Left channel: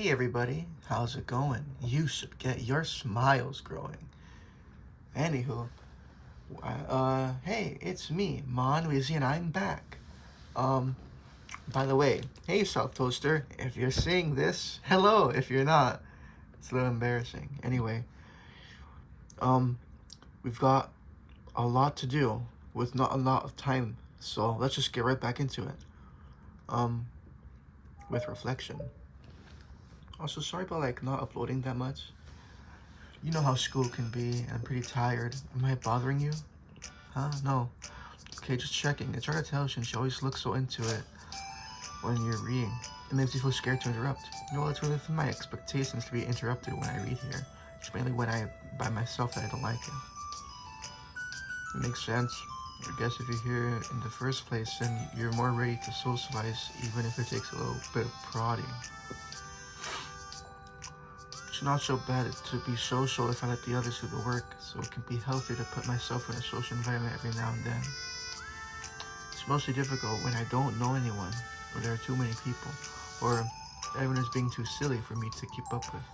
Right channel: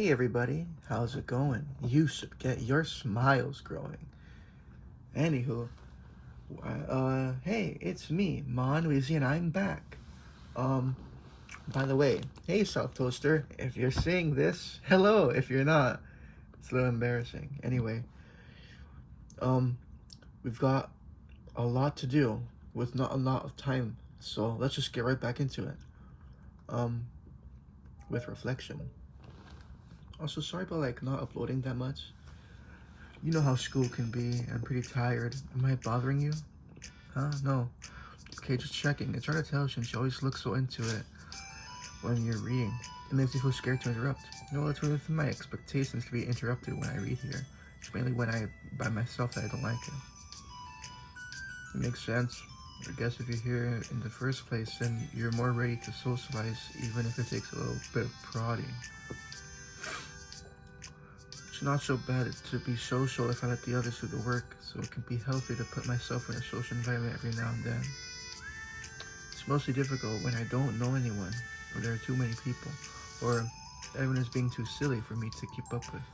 Hey everybody, how's it going? You should get your smiles growing. Anywho, hey, it's me, MonWeeZe, and I'm back. Um, by the way, hey South Toaster, if you're seeing this, hello. If you're not, it's a little embarrassing. Anyway, we've got a lot to do with not a lot of time, so let's just get right back into it. With reflection. Also, sorry about not uploading that much. You know how school can be. I'm pretty tired. Am I bothering you? Huh? No. Okay, just checking. It's hard to tell since you always look so into it when you're reading. It makes you feel scared to interrupt. No, it's within my expectations to be interrupted when I read here. It's mainly when I'm by myself that I don't like it. It makes sense. I guess if you're here in the first place, then you're more ready to socialize, even if it takes a little bit of prodding. It's not so bad to be social if I let the others do the work, so it can be healthy to put myself in a social environment every now and then. It's mostly difficult when I don't know anyone, or there are too many people, or everyone is being too silly for me to keep up with.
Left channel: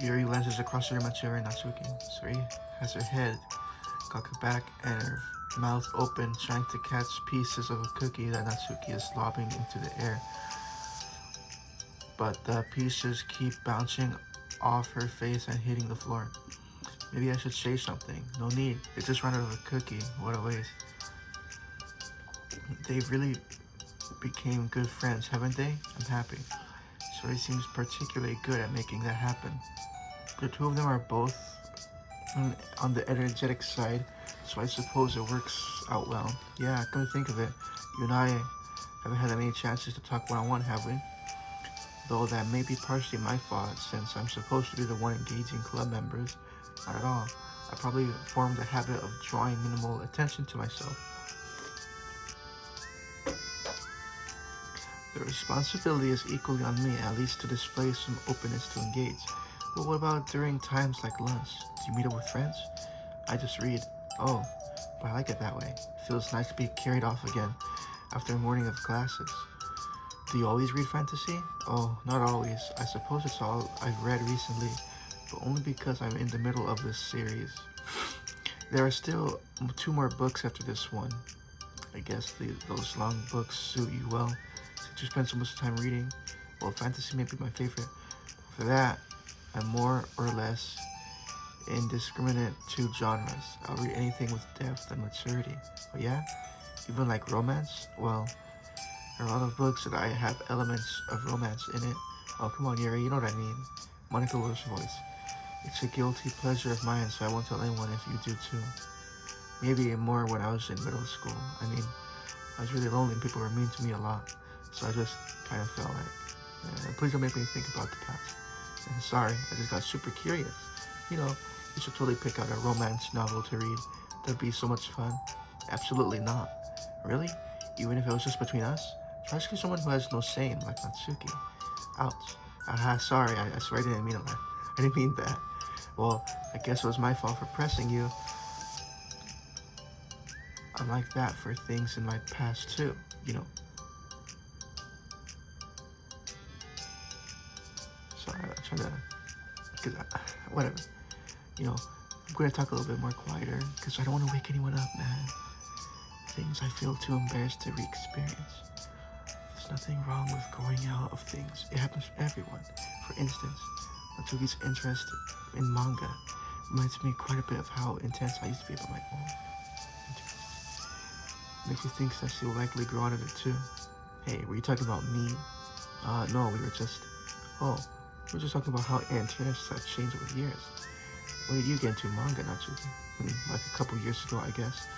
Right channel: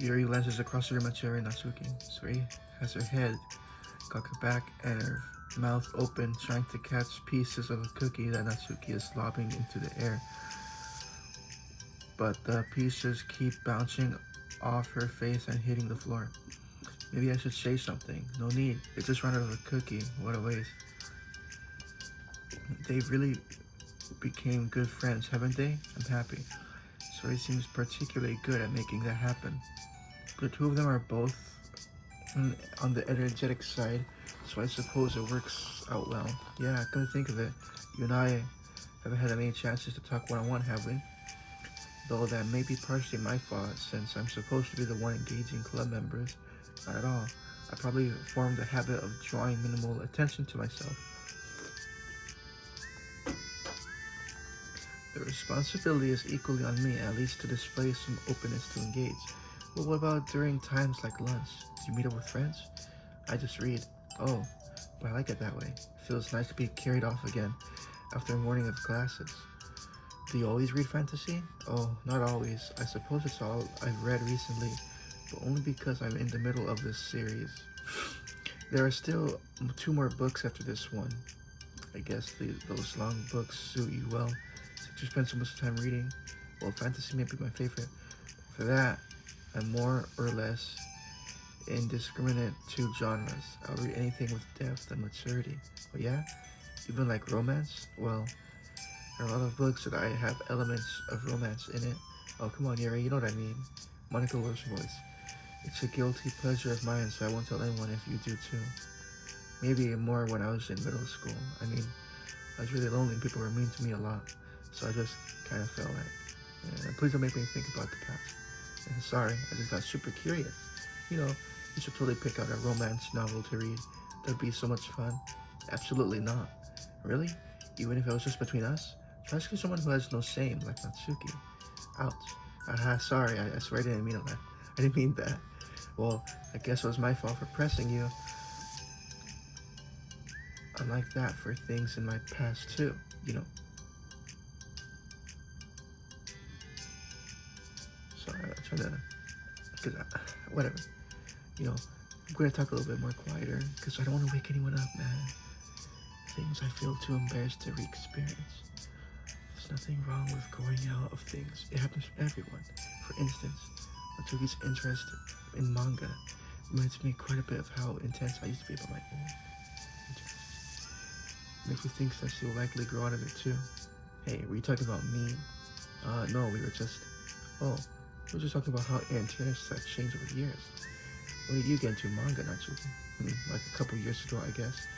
Yuri lenses across the room at Yuri Natsuki. Suri has her head cocked back and her mouth open, trying to catch pieces of a cookie that Natsuki is lobbing into the air. But the pieces keep bouncing off her face and hitting the floor. Maybe I should say something. No need. It just ran out of a cookie. What a waste. They really became good friends, haven't they? I'm happy. So he seems particularly good at making that happen. The two of them are both on the energetic side, so I suppose it works out well. Yeah, come to think of it, you and I haven't had any chances to talk one-on-one, have we? Though that may be partially my fault, since I'm supposed to be the one engaging club members. Not at all. I probably formed the habit of drawing minimal attention to myself. The responsibility is equally on me, at least to display some openness to engage. But what about during times like lunch? Do you meet up with friends? I just read. Oh, but I like it that way. It feels nice to be carried off again after a morning of classes. Do you always read fantasy? Oh, not always. I suppose it's all I've read recently, but only because I'm in the middle of this series. There are still 2 more books after this one. I guess those long books suit you well, since you spend so much time reading. Well, fantasy may be my favorite. For that, I'm more or less indiscriminate to genres. I'll read anything with depth and maturity. Oh yeah? Even like romance? Well, there are a lot of books that I have elements of romance in it. Oh, come on, Yuri, you know what I mean. Monica loves voice. It's a guilty pleasure of mine, so I won't tell anyone if you do too. Maybe more when I was in middle school. I mean, I was really lonely and people were mean to me a lot, so I just kind of felt like, please don't make me think about the past. And sorry, I just got super curious. You know, you should totally pick out a romance novel to read. That'd be so much fun. Absolutely not. Really? Even if it was just between us? Especially someone who has no shame, like Natsuki. Ouch. Sorry, I swear I didn't mean that. I didn't mean that. Well, I guess it was my fault for pressing you. I'm like that for things in my past too, you know. Sorry, I'm trying to, whatever. You know, I'm going to talk a little bit more quieter, because I don't want to wake anyone up, man. Things I feel too embarrassed to re-experience. There's nothing wrong with growing out of things. It happens to everyone. For instance, Natsuki's interest in manga reminds me quite a bit of how intense I used to be about my own interests. Makes me think that she'll likely grow out of it too. Hey, were you talking about me? No, we were just talking about how interests have changed over the years. When did you get into manga, Natsuki? Like a couple years ago, I guess.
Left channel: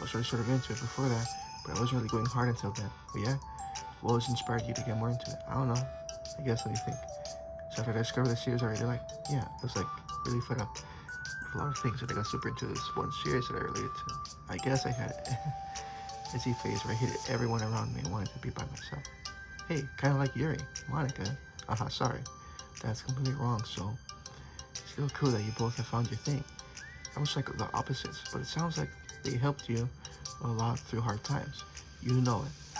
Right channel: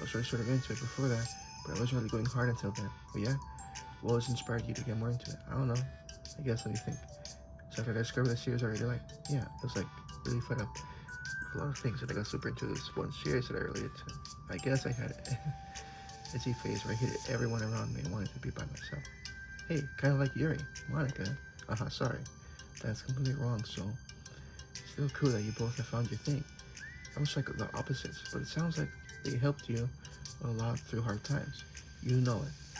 I was sort of into it before that, but I wasn't really going hard until then. But yeah, what was inspired you to get more into it? I don't know. I guess, let me think. So after I discovered the series already, yeah, it was really fun up. A lot of things, and I got super into this one series that I related to. I guess I had a busy phase where I hated everyone around me and wanted to be by myself. Hey, kind of like Yuri, Monica. Sorry. That's completely wrong, so it's real cool that you both have found your thing. I was like the opposites, but it sounds like they helped you a lot through hard times. You know it.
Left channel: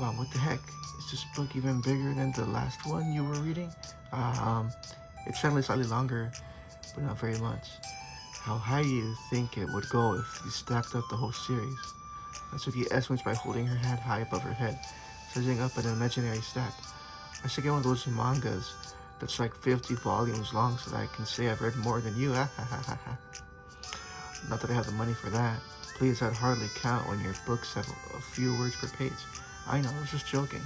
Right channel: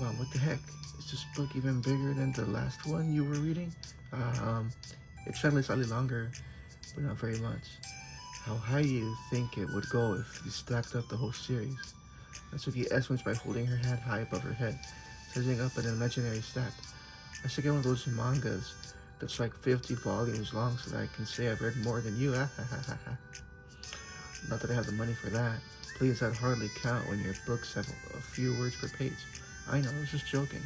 Wow, what the heck? Is this book even bigger than the last one you were reading? It's certainly slightly longer, but not very much. How high do you think it would go if you stacked up the whole series? Natsuki estimates by holding her hand high above her head, sizing up an imaginary stack. I should get one of those mangas that's like 50 volumes long so that I can say I've read more than you. Not that I have the money for that. Please, that'd hardly count when your books have a few words per page. I know, I was just joking.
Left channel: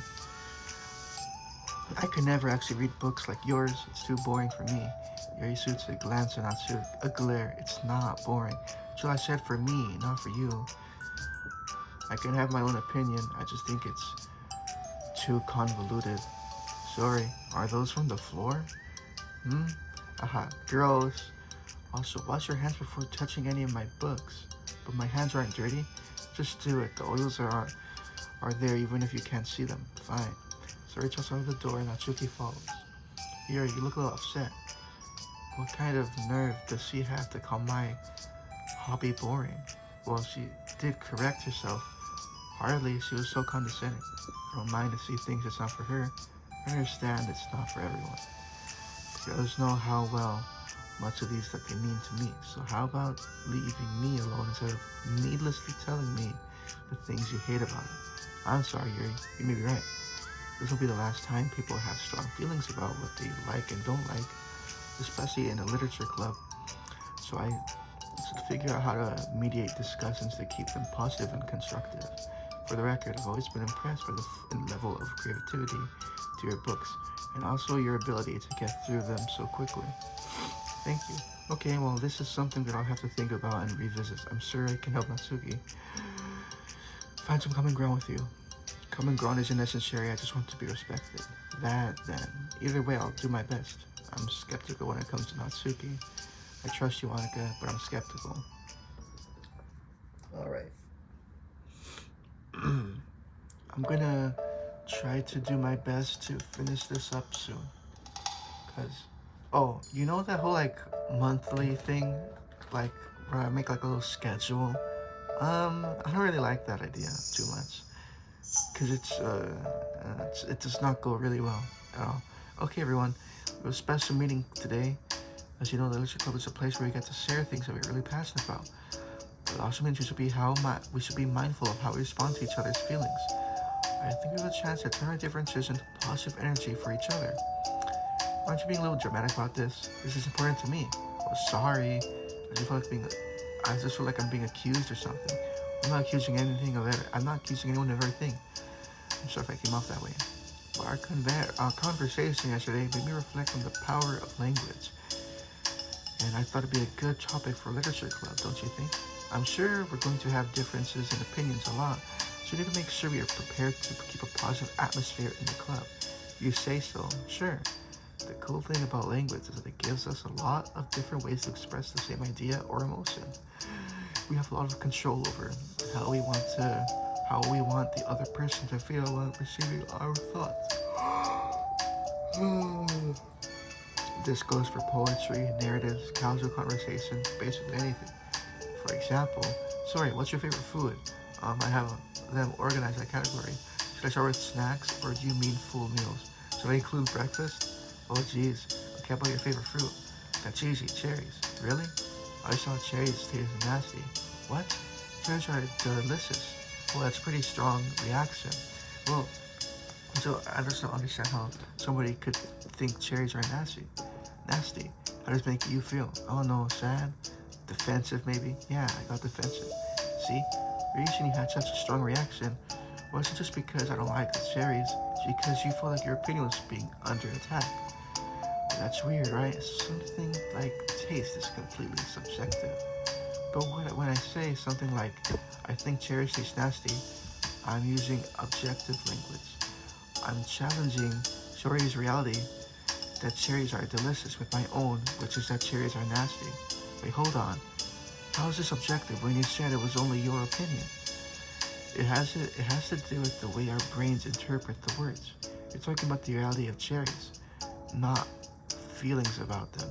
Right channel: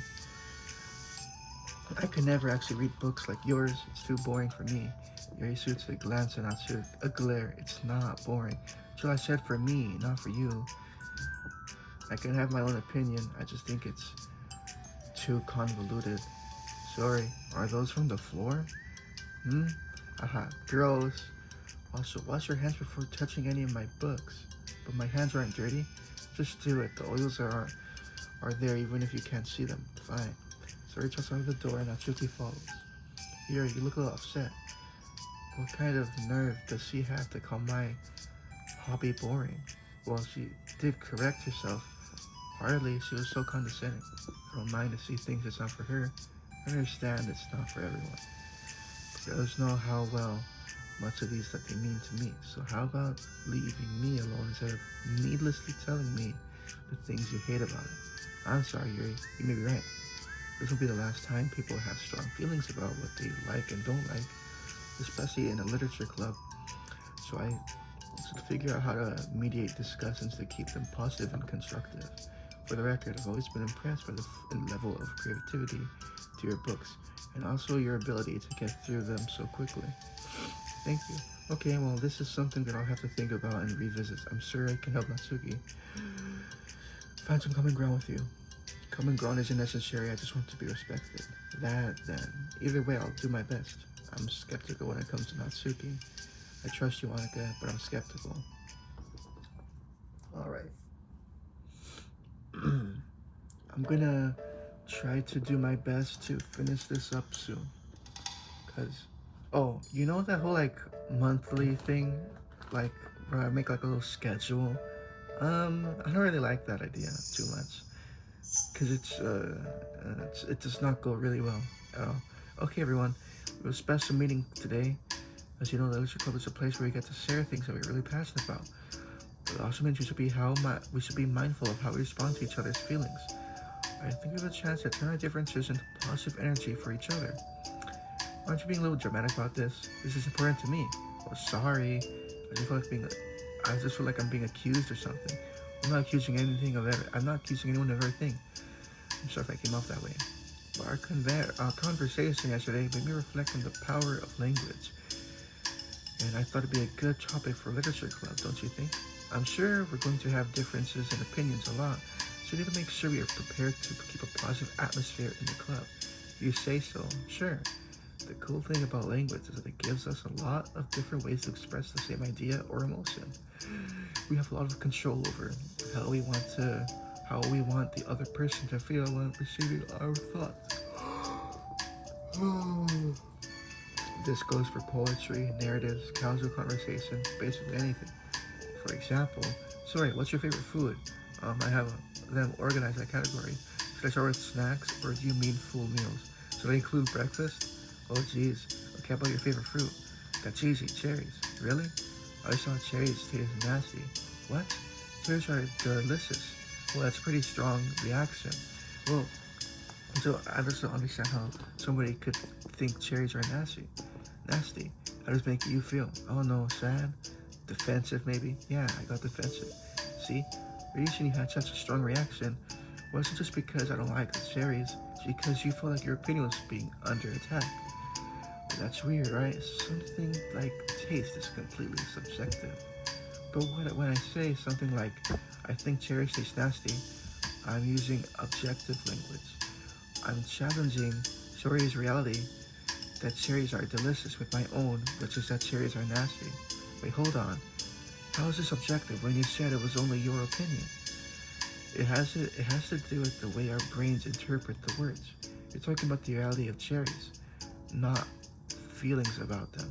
I could never actually read books like yours. It's too boring for me. Yuri suits a glance and not a glare. It's not boring. So I said for me, not for you. I can have my own opinion. I just think it's too convoluted. Sorry, are those from the floor? Aha, gross. Also, wash your hands before touching any of my books. But my hands aren't dirty. Just do it. The oils are there even if you can't see them. Fine. So Rachel's out of the door and Natsuki follows. Yuri, you look a little upset. What kind of nerve does she have to call my hobby boring? Well, she did correct herself. Hardly, she was so condescending. I don't mind to see things that's not for her. I understand it's not for everyone. The others know how much of these that they mean to me. So how about leaving me alone instead of needlessly telling me the things you hate about it? I'm sorry, Yuri. You may be right. This will be the last time people have strong feelings about what they like and don't like, especially in a literature club. So I should figure out how to mediate discussions to keep them positive and constructive. For the record, I've always been impressed by the level of creativity to your books, and also your ability to get through them so quickly. Thank you. Okay, well, this is something that I'll have to think about and revisit. I'm sure I can help Natsuki find some common ground with you. Common ground isn't necessary, I just want to be respected. Then. Either way, I'll do my best. I'm skeptical when it comes to Natsuki. I trust you, Annika, but I'm skeptical. Alright. I'm gonna try to do my best to finish this up soon. Oh, you know that whole like monthly thing? Like where I make like a little schedule? I don't really like that idea too much. Cause it does not go really well at all. Okay everyone, we have a special meeting today. As you know, the Literature Club is a place where we get to share things that we're really passionate about. It also means we should be mindful of how we respond to each other's feelings. I think we have a chance to turn our differences into positive energy for each other. Aren't you being a little dramatic about this? This is important to me. Oh, sorry. I just feel like I'm being accused or something. I'm not accusing anything of it. I'm not accusing anyone of everything. I'm sorry if I came off that way. But our conversation yesterday made me reflect on the power of language. And I thought it'd be a good topic for Literature Club, don't you think? I'm sure we're going to have differences in opinions a lot, so we need to make sure we are prepared to keep a positive atmosphere in the club. You say so, sure. The cool thing about language is that it gives us a lot of different ways to express the same idea or emotion. We have a lot of control over how we want the other person to feel when receiving our thoughts. This goes for poetry, narratives, casual conversation, basically anything. For example, sorry, what's your favorite food? I have them organized by category. Should I start with snacks, or do you mean full meals? Should I include breakfast? Oh geez, okay, how about your favorite fruit? That's easy, cherries. Really? I thought cherries tasted nasty. What? Cherries are delicious. Well, that's a pretty strong reaction. Well, so I just don't understand how somebody could think cherries are nasty. How does it make you feel? Oh no, sad? Defensive maybe? Yeah, I got defensive. See? The reason you had such a strong reaction wasn't just because I don't like the cherries, it's because you feel like your opinion was being under attack. That's weird, right? Something like taste is completely subjective. But when I say something like, I think cherries taste nasty, I'm using objective language. I'm challenging Shori's reality that cherries are delicious with my own, which is that cherries are nasty. Wait, hold on. How is this objective when you said it was only your opinion? It has to do with the way our brains interpret the words. You're talking about the reality of cherries, not feelings about them.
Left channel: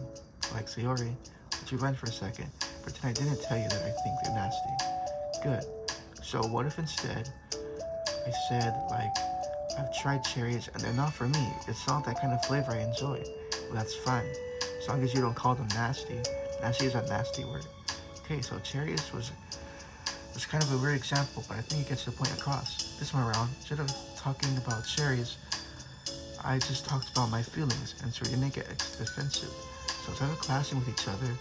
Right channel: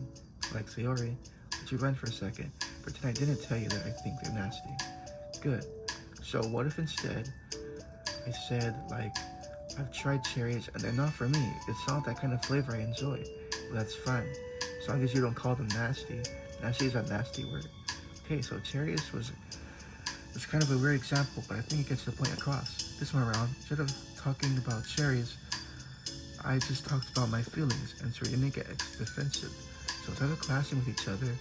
Like Sayori, let you run for a second. Pretend I didn't tell you that I think they're nasty. Good. So what if instead I said, like, I've tried cherries and they're not for me. It's not that kind of flavor I enjoy. Well, that's fine. As long as you don't call them nasty. Nasty is a nasty word. Okay, so cherries was kind of a weird example, but I think it gets the point across. This one around, instead of talking about cherries, I just talked about my feelings, and so you didn't get defensive. So instead of clashing with each other,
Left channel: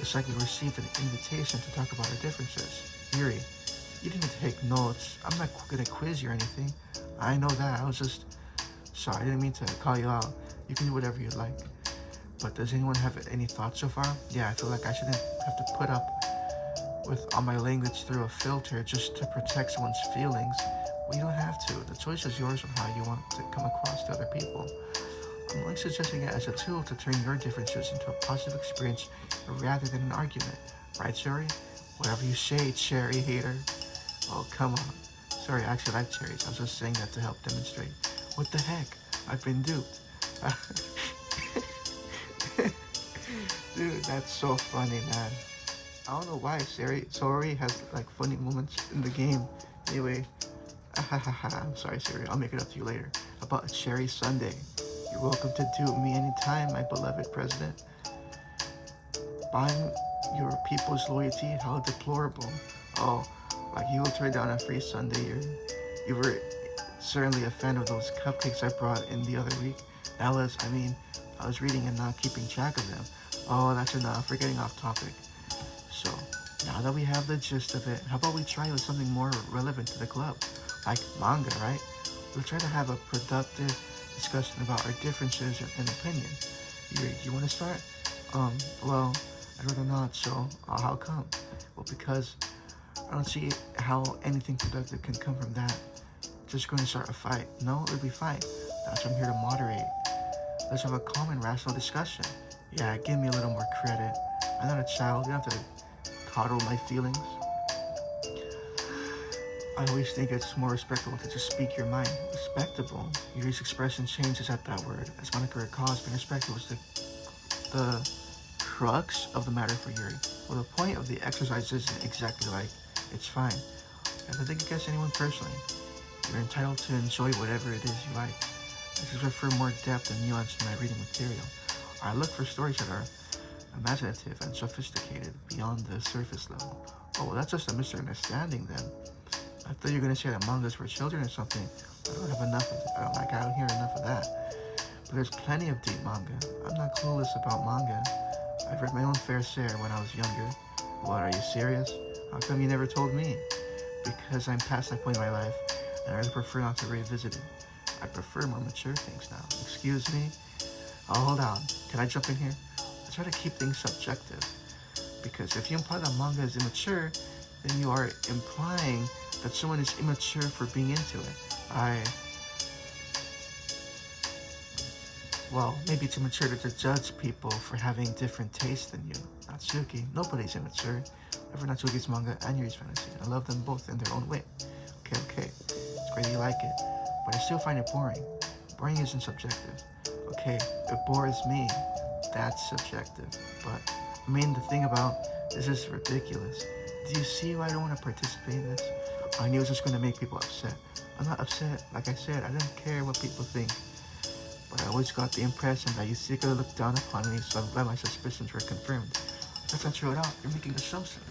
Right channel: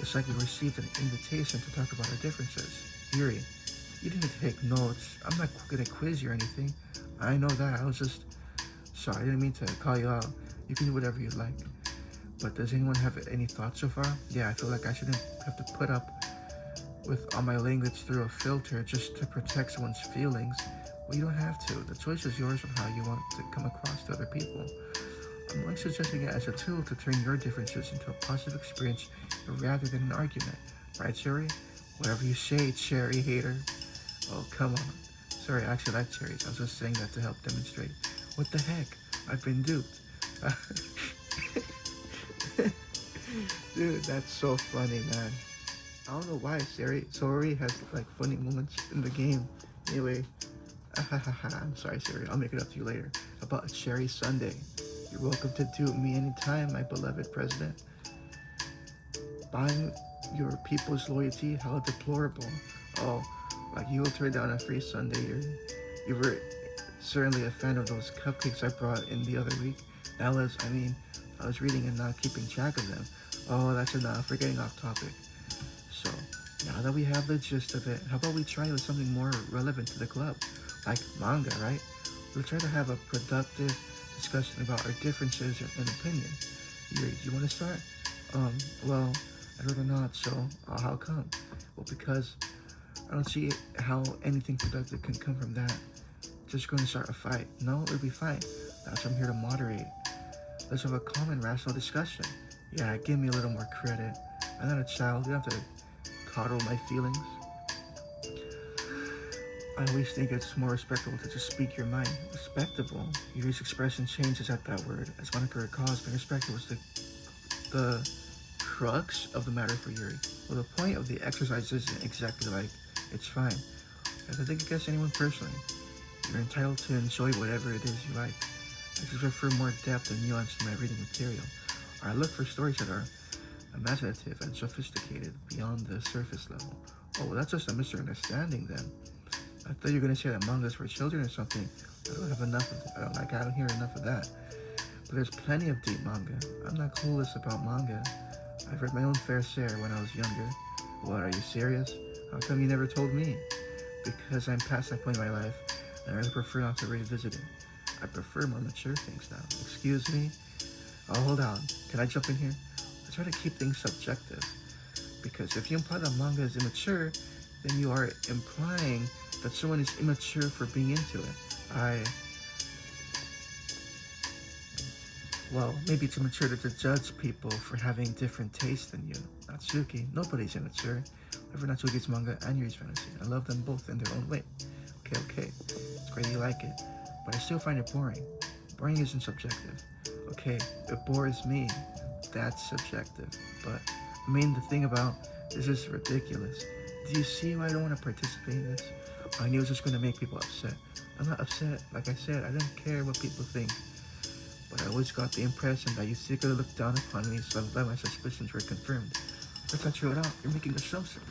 it's like we received an invitation to talk about our differences. Yuri, you didn't take notes. I'm not gonna quiz you or anything. I know that. I was just sorry. I didn't mean to call you out. You can do whatever you like. But does anyone have any thoughts so far? Yeah, I feel like I shouldn't have to put up with all my language through a filter just to protect someone's feelings. Well, you don't have to. The choice is yours on how you want to come across to other people. I'm only suggesting it as a tool to turn your differences into a positive experience rather than an argument. Right, Cherry? Whatever you say, cherry hater. Oh, come on. Sorry, I actually like cherries. I was just saying that to help demonstrate. What the heck? I've been duped. Dude, that's so funny, man. I don't know why Sori has like funny moments in the game. Anyway, I'm sorry, Siri. I'll make it up to you later. About a cherry sundae. You're welcome to dupe me anytime, my beloved president. Buying your people's loyalty, how deplorable. Oh, like you will turn down a free sundae. You were certainly a fan of those cupcakes I brought in the other week. I was reading and not keeping track of them. Oh, that's enough. We're getting off topic. So, now that we have the gist of it, how about we try with something more relevant to the club? Like manga, right? We'll try to have a productive discussion about our differences and opinions. You want to start? Well, I'd rather not, so how come? Well, because I don't see how anything productive can come from that. Just going to start a fight. No, it'll be fine. That's why I'm here to moderate. Let's have a calm and rational discussion. Yeah, give me a little more credit. I'm not a child. You don't have to coddle my feelings. I always think it's more respectable to just speak your mind. Respectable? Yuri's expression changes at that word. As Monica recalls, being respectable was the crux of the matter for Yuri. Well, the point of the exercise isn't exactly like, it's fine. I don't think it gets anyone personally. You're entitled to enjoy whatever it is you like. I just prefer more depth and nuance in my reading material. I look for stories that are imaginative and sophisticated beyond the surface level. Oh, well, that's just a misunderstanding then. I thought you were going to say that mangas for children or something. I don't have enough of it. I don't hear enough of that. But there's plenty of deep manga. I'm not clueless about manga. I've read my own fair share when I was younger. What, are you serious? How come you never told me? Because I'm past that point in my life, and I really prefer not to revisit it. I prefer more mature things now. Excuse me? Oh, hold on. Can I jump in here? I try to keep things subjective. Because if you imply that manga is immature, then you are implying that someone is immature for being into it. Well, maybe it's immature to judge people for having different tastes than you. Natsuki, nobody's immature. I've read Natsuki's manga and Yuri's fantasy. I love them both in their own way. Okay. It's great you like it. But I still find it boring. Boring isn't subjective. Okay, it bores me. That's subjective. But, the thing about this is ridiculous. Do you see why I don't want to participate in this? I knew it was just going to make people upset. I'm not upset. Like I said, I don't care what people think. But I always got the impression that you secretly looked down upon me, so I'm glad my suspicions were confirmed. Let's not throw it out. You're making assumptions.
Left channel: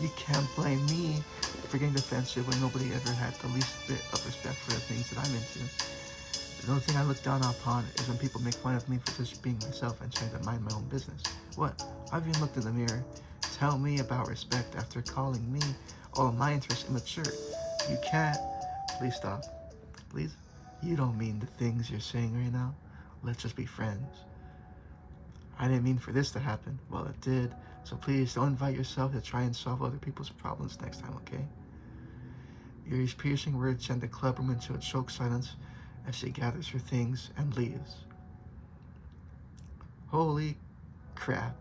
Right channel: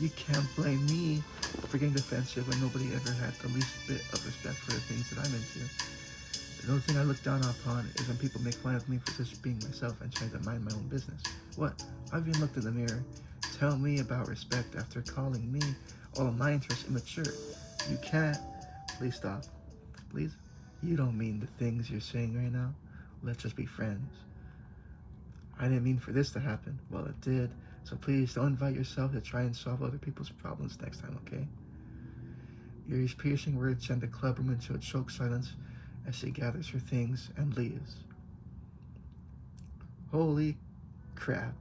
You can't blame me for getting defensive when nobody ever had the least bit of respect for the things that I'm into. The only thing I look down upon is when people make fun of me for just being myself and trying to mind my own business. What? I've even looked in the mirror. Tell me about respect after calling me all my interests immature. You can't. Please stop. Please? You don't mean the things you're saying right now. Let's just be friends. I didn't mean for this to happen. Well, it did. So please don't invite yourself to try and solve other people's problems next time, okay? Yuri's piercing words send the clubroom into a choked silence as she gathers her things and leaves. Holy crap.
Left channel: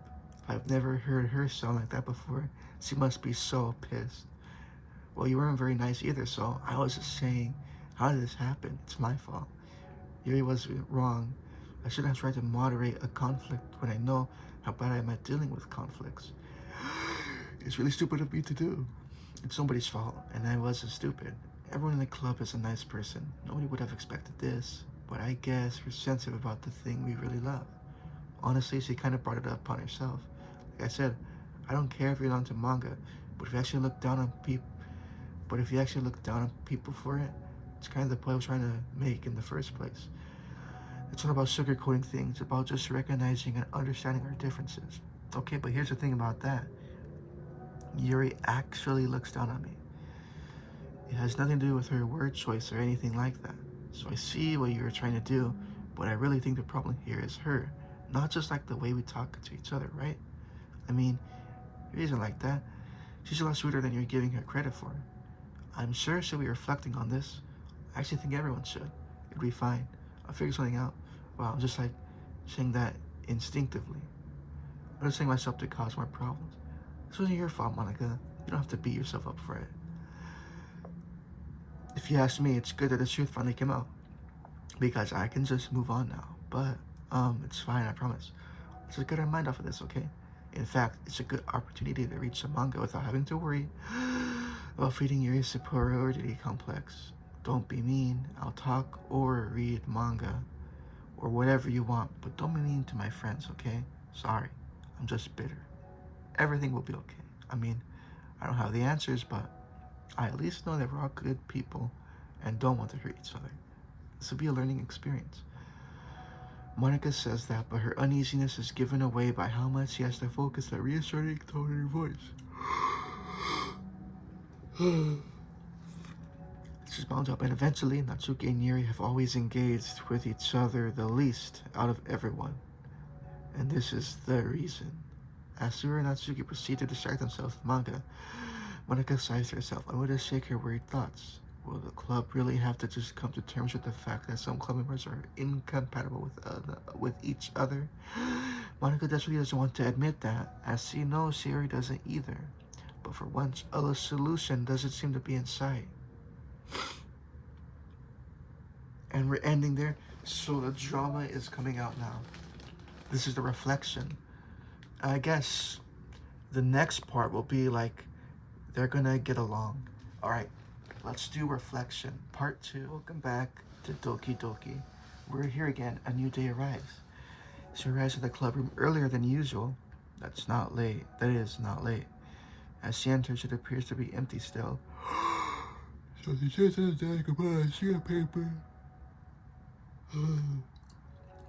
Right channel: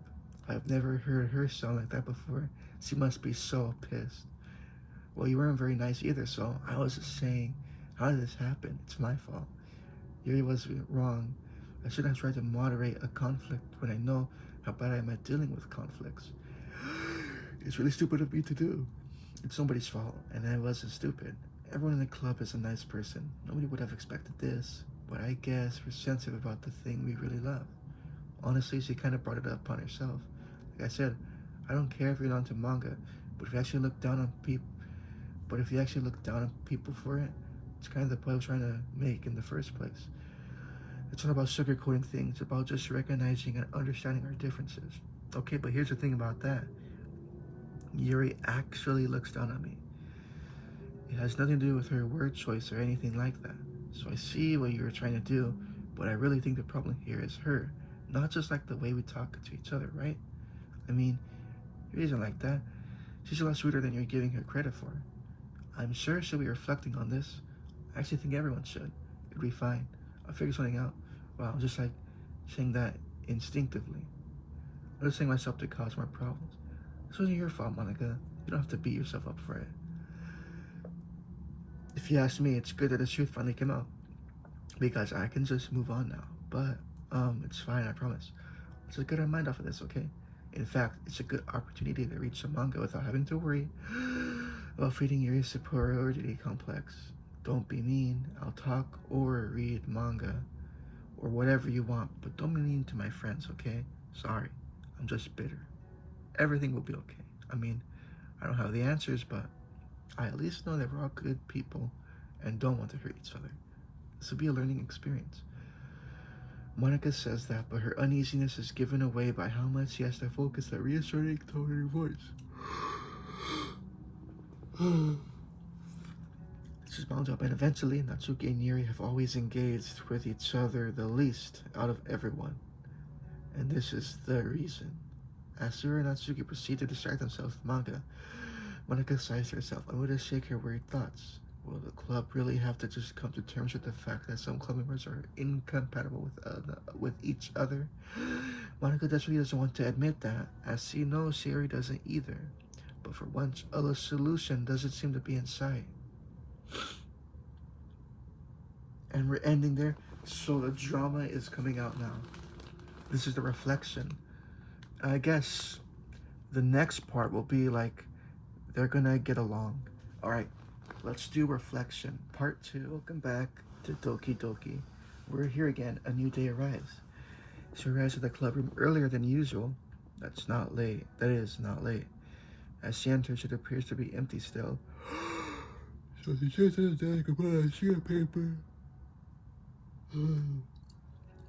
I've never heard her sound like that before. She must be so pissed. Well, you weren't very nice either, so I was just saying, how did this happen? It's my fault. Yuri was wrong. I shouldn't have tried to moderate a conflict when I know how bad I am at dealing with conflicts. It's really stupid of me to do. It's somebody's fault, and I wasn't stupid. Everyone in the club is a nice person. Nobody would have expected this, but I guess we're sensitive about the thing we really love. Honestly, she kind of brought it up upon herself. Like I said, I don't care if you're into manga, but if you actually look down on people, for it, it's kind of the point I was trying to make in the first place. It's not about sugarcoating things. It's about just recognizing and understanding our differences. Okay, but here's the thing about that. Yuri actually looks down on me. It has nothing to do with her word choice or anything like that. So I see what you're trying to do, but I really think the problem here is her. Not just like the way we talk to each other, right? I mean, Yuri isn't like that. She's a lot sweeter than you're giving her credit for. I'm sure she'll be reflecting on this. I actually think everyone should. It'll be fine. I'll figure something out. Wow, I'm just like saying that instinctively. I'm just saying myself to cause more problems. This wasn't your fault, Monica. You don't have to beat yourself up for it. If you ask me, it's good that the truth finally came out. Because I can just move on now. But, it's fine, I promise. Let's just get our mind off of this, okay? In fact, it's a good opportunity to read some manga without having to worry about feeding your superiority complex. Don't be mean. I'll talk or read manga or whatever you want, but don't be mean to my friends, okay? Sorry, I'm just bitter. Everything will be okay. I mean, I don't have the answers, but I at least know that we're all good people and don't want to hurt each other. This will be a learning experience. Monica says that, but her uneasiness is given away by how much she has to focus on reassuring tone in her voice. This is bound up, and eventually Natsuki and Yuri have always engaged with each other the least out of everyone. And this is the reason. As Sura and Natsuki proceed to distract themselves with manga, Monica sighs to herself, unable to shake her worried thoughts. Will the club really have to just come to terms with the fact that some club members are incompatible with each other? Monica desperately doesn't want to admit that, as she knows Yuri doesn't either. But for once, a solution doesn't seem to be in sight. And we're ending there, so the drama is coming out now. This is the reflection. I guess the next part will be like they're gonna get along. Alright, let's do reflection. Part 2. Welcome back to Doki Doki. We're here again. A new day arrives. She arrives at the club room earlier than usual. That is not late. As she enters, it appears to be empty still. So she says goodbye, sheet of paper.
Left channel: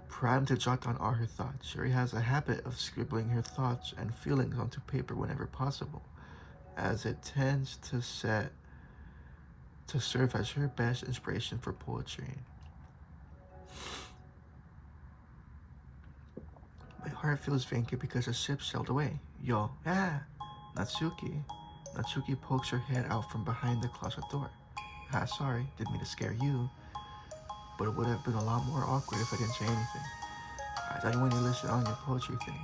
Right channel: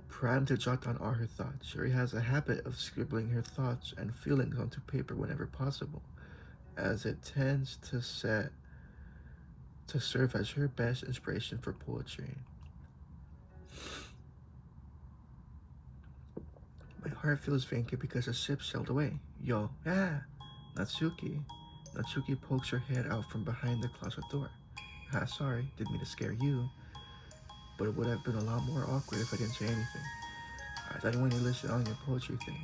Primed to jot down all her thoughts, Shuri has a habit of scribbling her thoughts and feelings onto paper whenever possible, as it tends to serve as her best inspiration for poetry. My heart feels vacant because the ship sailed away. Yo, Natsuki. Natsuki pokes her head out from behind the closet door. Sorry, didn't mean to scare you. But it would have been a lot more awkward if I didn't say anything. I thought you wanted to listen on your poetry thing.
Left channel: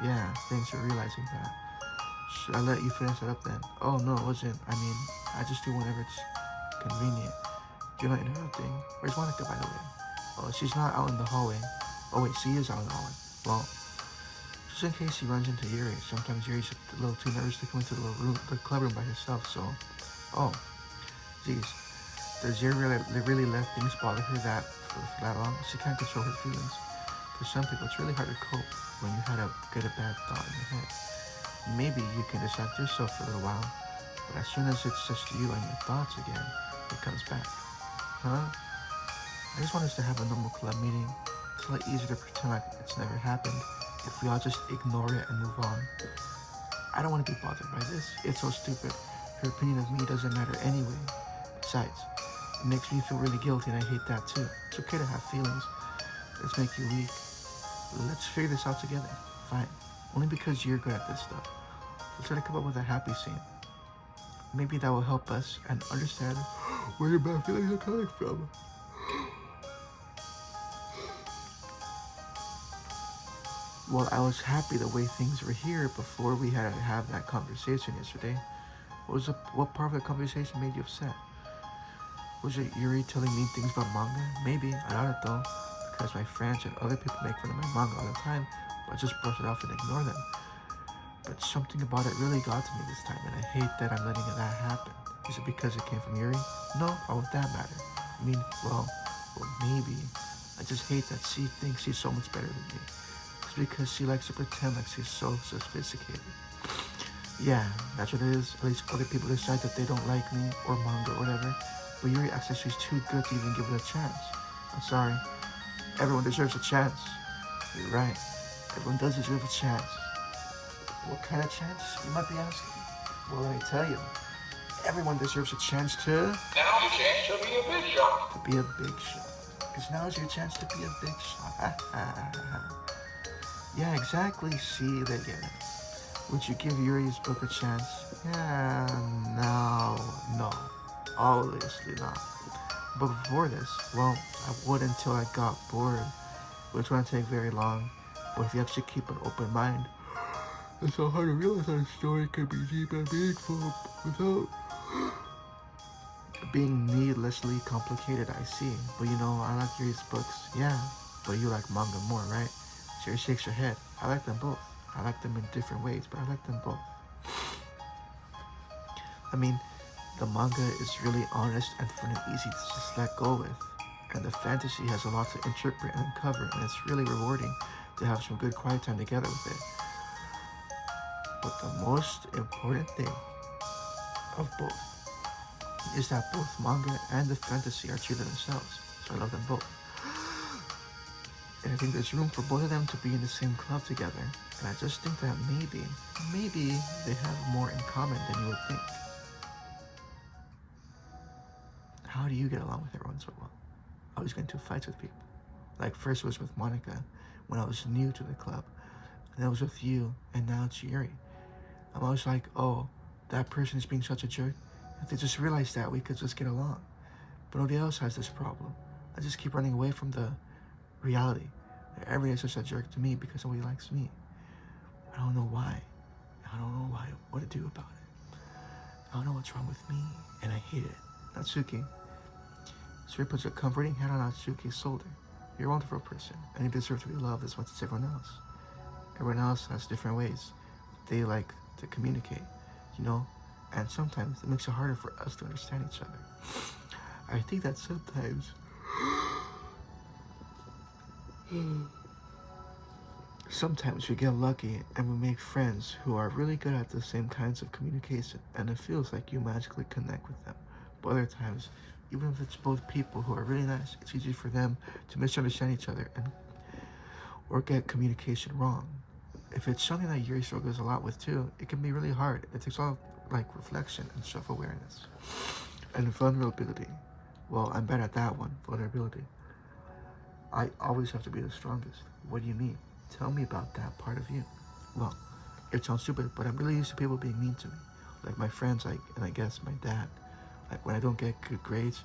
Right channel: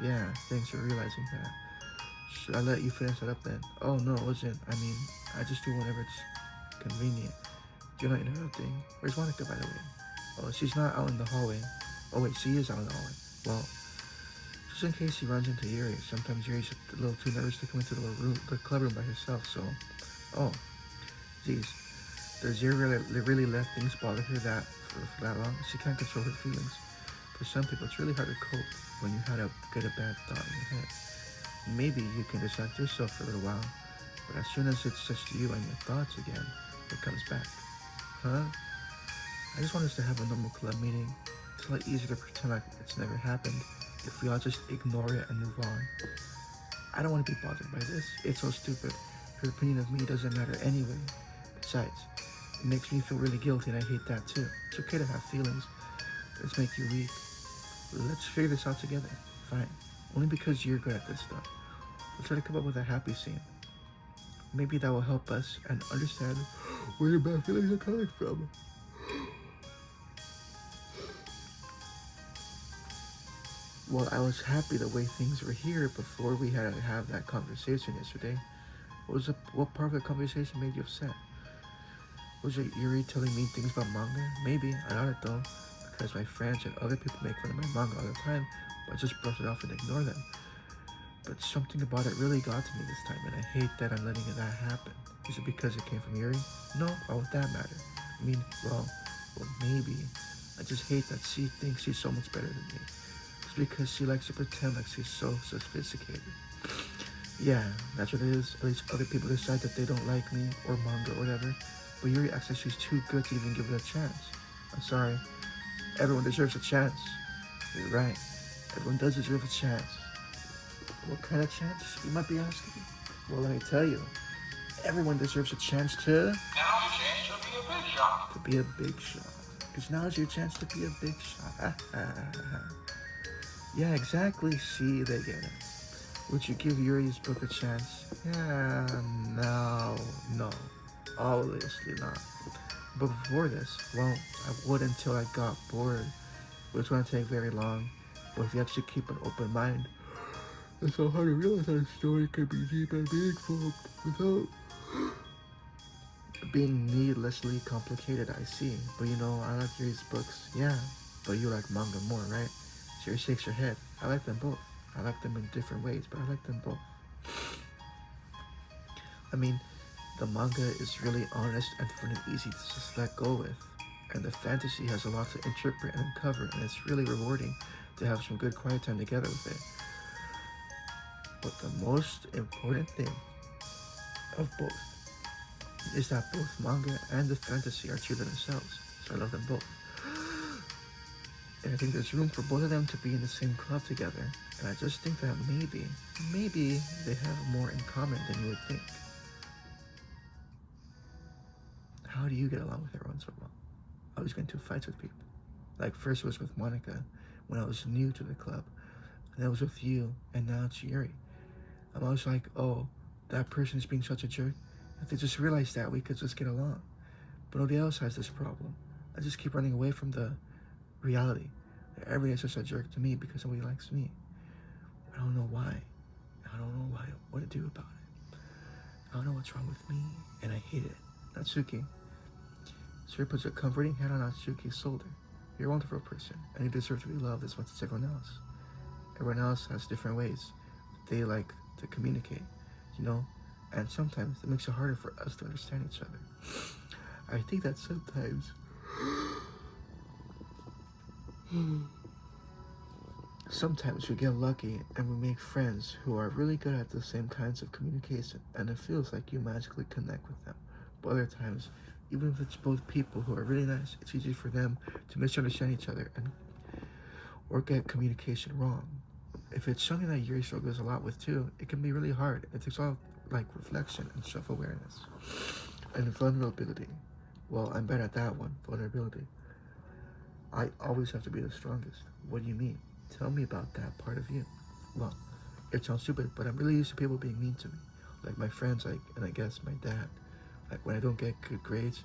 Yeah, thanks for realizing that. Should I let you finish it up then? Oh, no, it wasn't. I mean, I just do whenever it's convenient. You're not interrupting. Where's Monica, by the way? Oh, she's not out in the hallway. Oh, wait, she is out in the hallway. Well, just in case she runs into Yuri. Sometimes Yuri's a little too nervous to come into the club room by herself, so... Oh, geez. Does Yuri really let things bother her that long? She can't control her feelings. For some people, it's really hard to cope when you had to get a bad thought in your head. Maybe you can distract yourself for a while, but as soon as it's just you and your thoughts again, it comes back. Huh? I just want us to have a normal club meeting. It's a lot easier to pretend like it's never happened if we all just ignore it and move on. I don't want to be bothered by this. It's so stupid. Her opinion of me doesn't matter anyway. Besides, it makes me feel really guilty, and I hate that too. It's okay to have feelings. Let's make you weak. Let's figure this out together. Fine. Only because you're good at this stuff. Let's try to come up with a happy scene. Maybe that will help us and understand where your bad feelings are coming from. Well, I was happy the way things were here before we had to have that conversation yesterday. What part of the conversation made you upset? Was it Yuri telling me things about manga? Maybe, I don't know, because my friends and other people make fun of my manga all the time, but I just brush it off and ignore them. But something about it really got to me this time, and I hate that I'm letting that happen. Is it because it came from Yuri? No, how would that matter? I mean, well, maybe. I just hate that she thinks she's so much better than me. It's because she likes to pretend like she's so sophisticated. Yeah, that's what it is. At least other people decide that they don't like me or manga or whatever. But Yuri acts like she's too good to even give it a chance. I'm sorry. Everyone deserves a chance. You're right. Everyone does deserve a chance. What kind of chance, you might be asking? Well, let me tell you. Everyone deserves a chance to... Now's your chance to be a big shot. To be a big shot. Because now's your chance to be a big shot. Yeah, exactly. See, they get it. Would you give Yuri's book a chance? Yeah, no. Obviously not. But before this, well, I would until I got bored. Which wouldn't take very long. But if you actually keep an open mind, it's so hard to realize that a story could be deep and meaningful without being needlessly complicated. I see. But you know, I like Yuri's books. Yeah, but you like manga more, right? Yuri shakes her head. I like them both. I like them in different ways, but I like them both. I mean, the manga is really honest and fun and easy to just let go with. And the fantasy has a lot to interpret and uncover, and it's really rewarding to have some good quiet time together with it. But the most important thing of both is that both manga and the fantasy are true to themselves, so I love them both. And I think there's room for both of them to be in the same club together, and I just think that maybe they have more in common than you would think. How do you get along with everyone so well? I always get into fights with people. Like first it was with Monica when I was new to the club, and that was with you, and now it's Yuri. I'm always like, oh, that person is being such a jerk. If they just realized that, we could just get along. But nobody else has this problem. I just keep running away from the reality. Everybody is just a jerk to me because nobody likes me. I don't know why. What to do about it. I don't know what's wrong with me, and I hate it. Natsuki. Suri puts a comforting hand on Natsuki's shoulder. You're a wonderful person, and you deserve to be loved as much as everyone else. Everyone else has different ways they like to communicate, you know? And sometimes it makes it harder for us to understand each other. I think that sometimes we get lucky and we make friends who are really good at the same kinds of communication, and it feels like you magically connect with them. But other times, even if it's both people who are really nice, it's easy for them to misunderstand each other or get communication wrong. If it's something that Yuri struggles a lot with too, it can be really hard. It takes all like reflection and self-awareness and vulnerability. Well, I'm better at that one, vulnerability. I always have to be the strongest. What do you mean? Tell me about that part of you. Well, it sounds stupid, but I'm really used to people being mean to me. Like my friends, and I guess my dad. Like when I don't get good grades,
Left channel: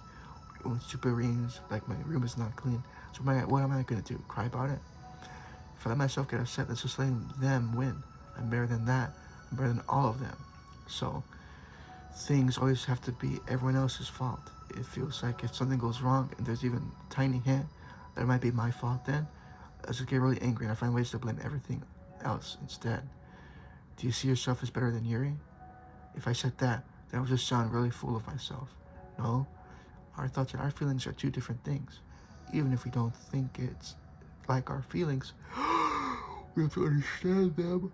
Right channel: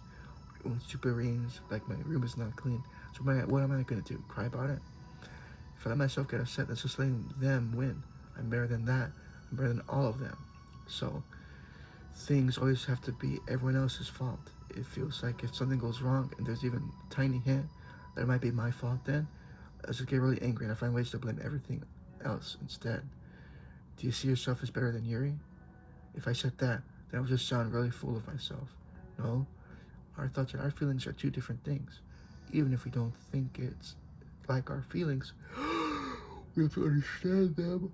or stupid readings, like my room is not clean. So what am I gonna do? Cry about it? If I let myself get upset, that's just letting them win. I'm better than that. I'm better than all of them. So things always have to be everyone else's fault. It feels like if something goes wrong and there's even a tiny hint that it might be my fault, then I just get really angry and I find ways to blame everything else instead. Do you see yourself as better than Yuri? If I said that would just sound really full of myself. No, our thoughts and our feelings are two different things. Even if we don't think it's like our feelings, we have to understand them.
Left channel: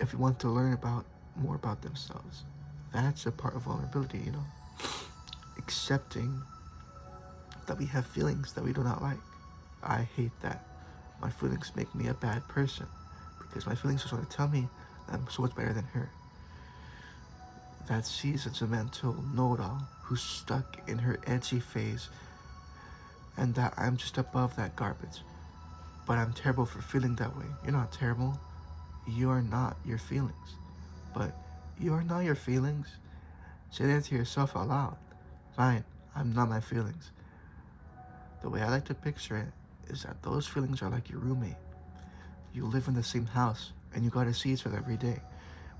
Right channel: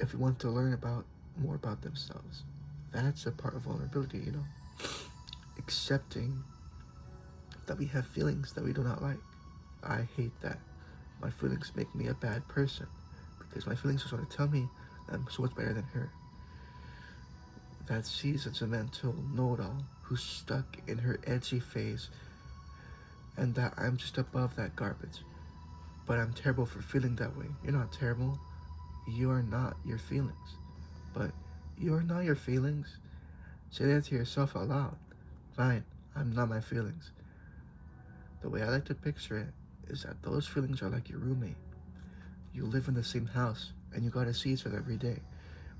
If we want to learn more about themselves, that's a part of vulnerability, you know? Accepting that we have feelings that we do not like. I hate that. My feelings make me a bad person because my feelings are trying to tell me I'm so much better than her. That she's a mental know-it-all who's stuck in her edgy phase, and that I'm just above that garbage. But I'm terrible for feeling that way. You're not terrible. You are not your feelings. But you are not your feelings. Say that to yourself out loud. Fine, I'm not my feelings. The way I like to picture it is that those feelings are like your roommate. You live in the same house, and you gotta see each other every day.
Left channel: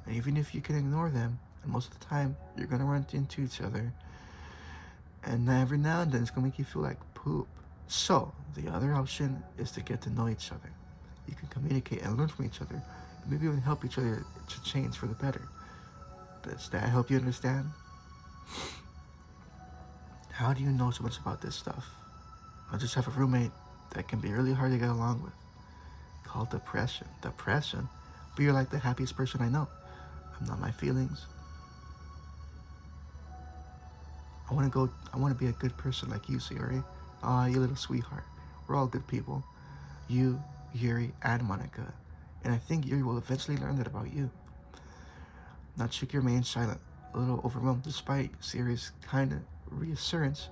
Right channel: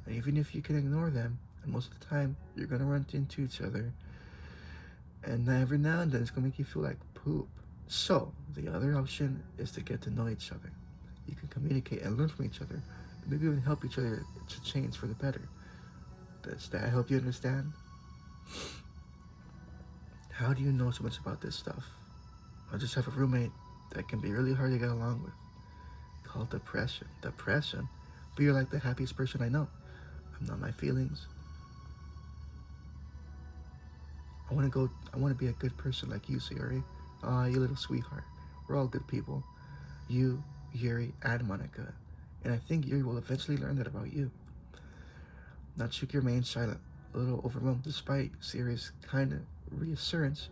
And even if you can ignore them, and most of the time, you're gonna run into each other. And every now and then, it's gonna make you feel like poop. So, the other option is to get to know each other. You can communicate and learn from each other Maybe we can help each other to change for the better. Does that help you understand? How do you know so much about this stuff? I just have a roommate that can be really hard to get along with, called depression. Depression? But you're like the happiest person I know. I'm not my feelings. I want to be a good person like you, Yuri. Aw, you little sweetheart. We're all good people. You, Yuri, and Monica. And I think Yuri will eventually learn that about you. Natsuki remains silent, a little overwhelmed despite Yuri's kind of reassurance.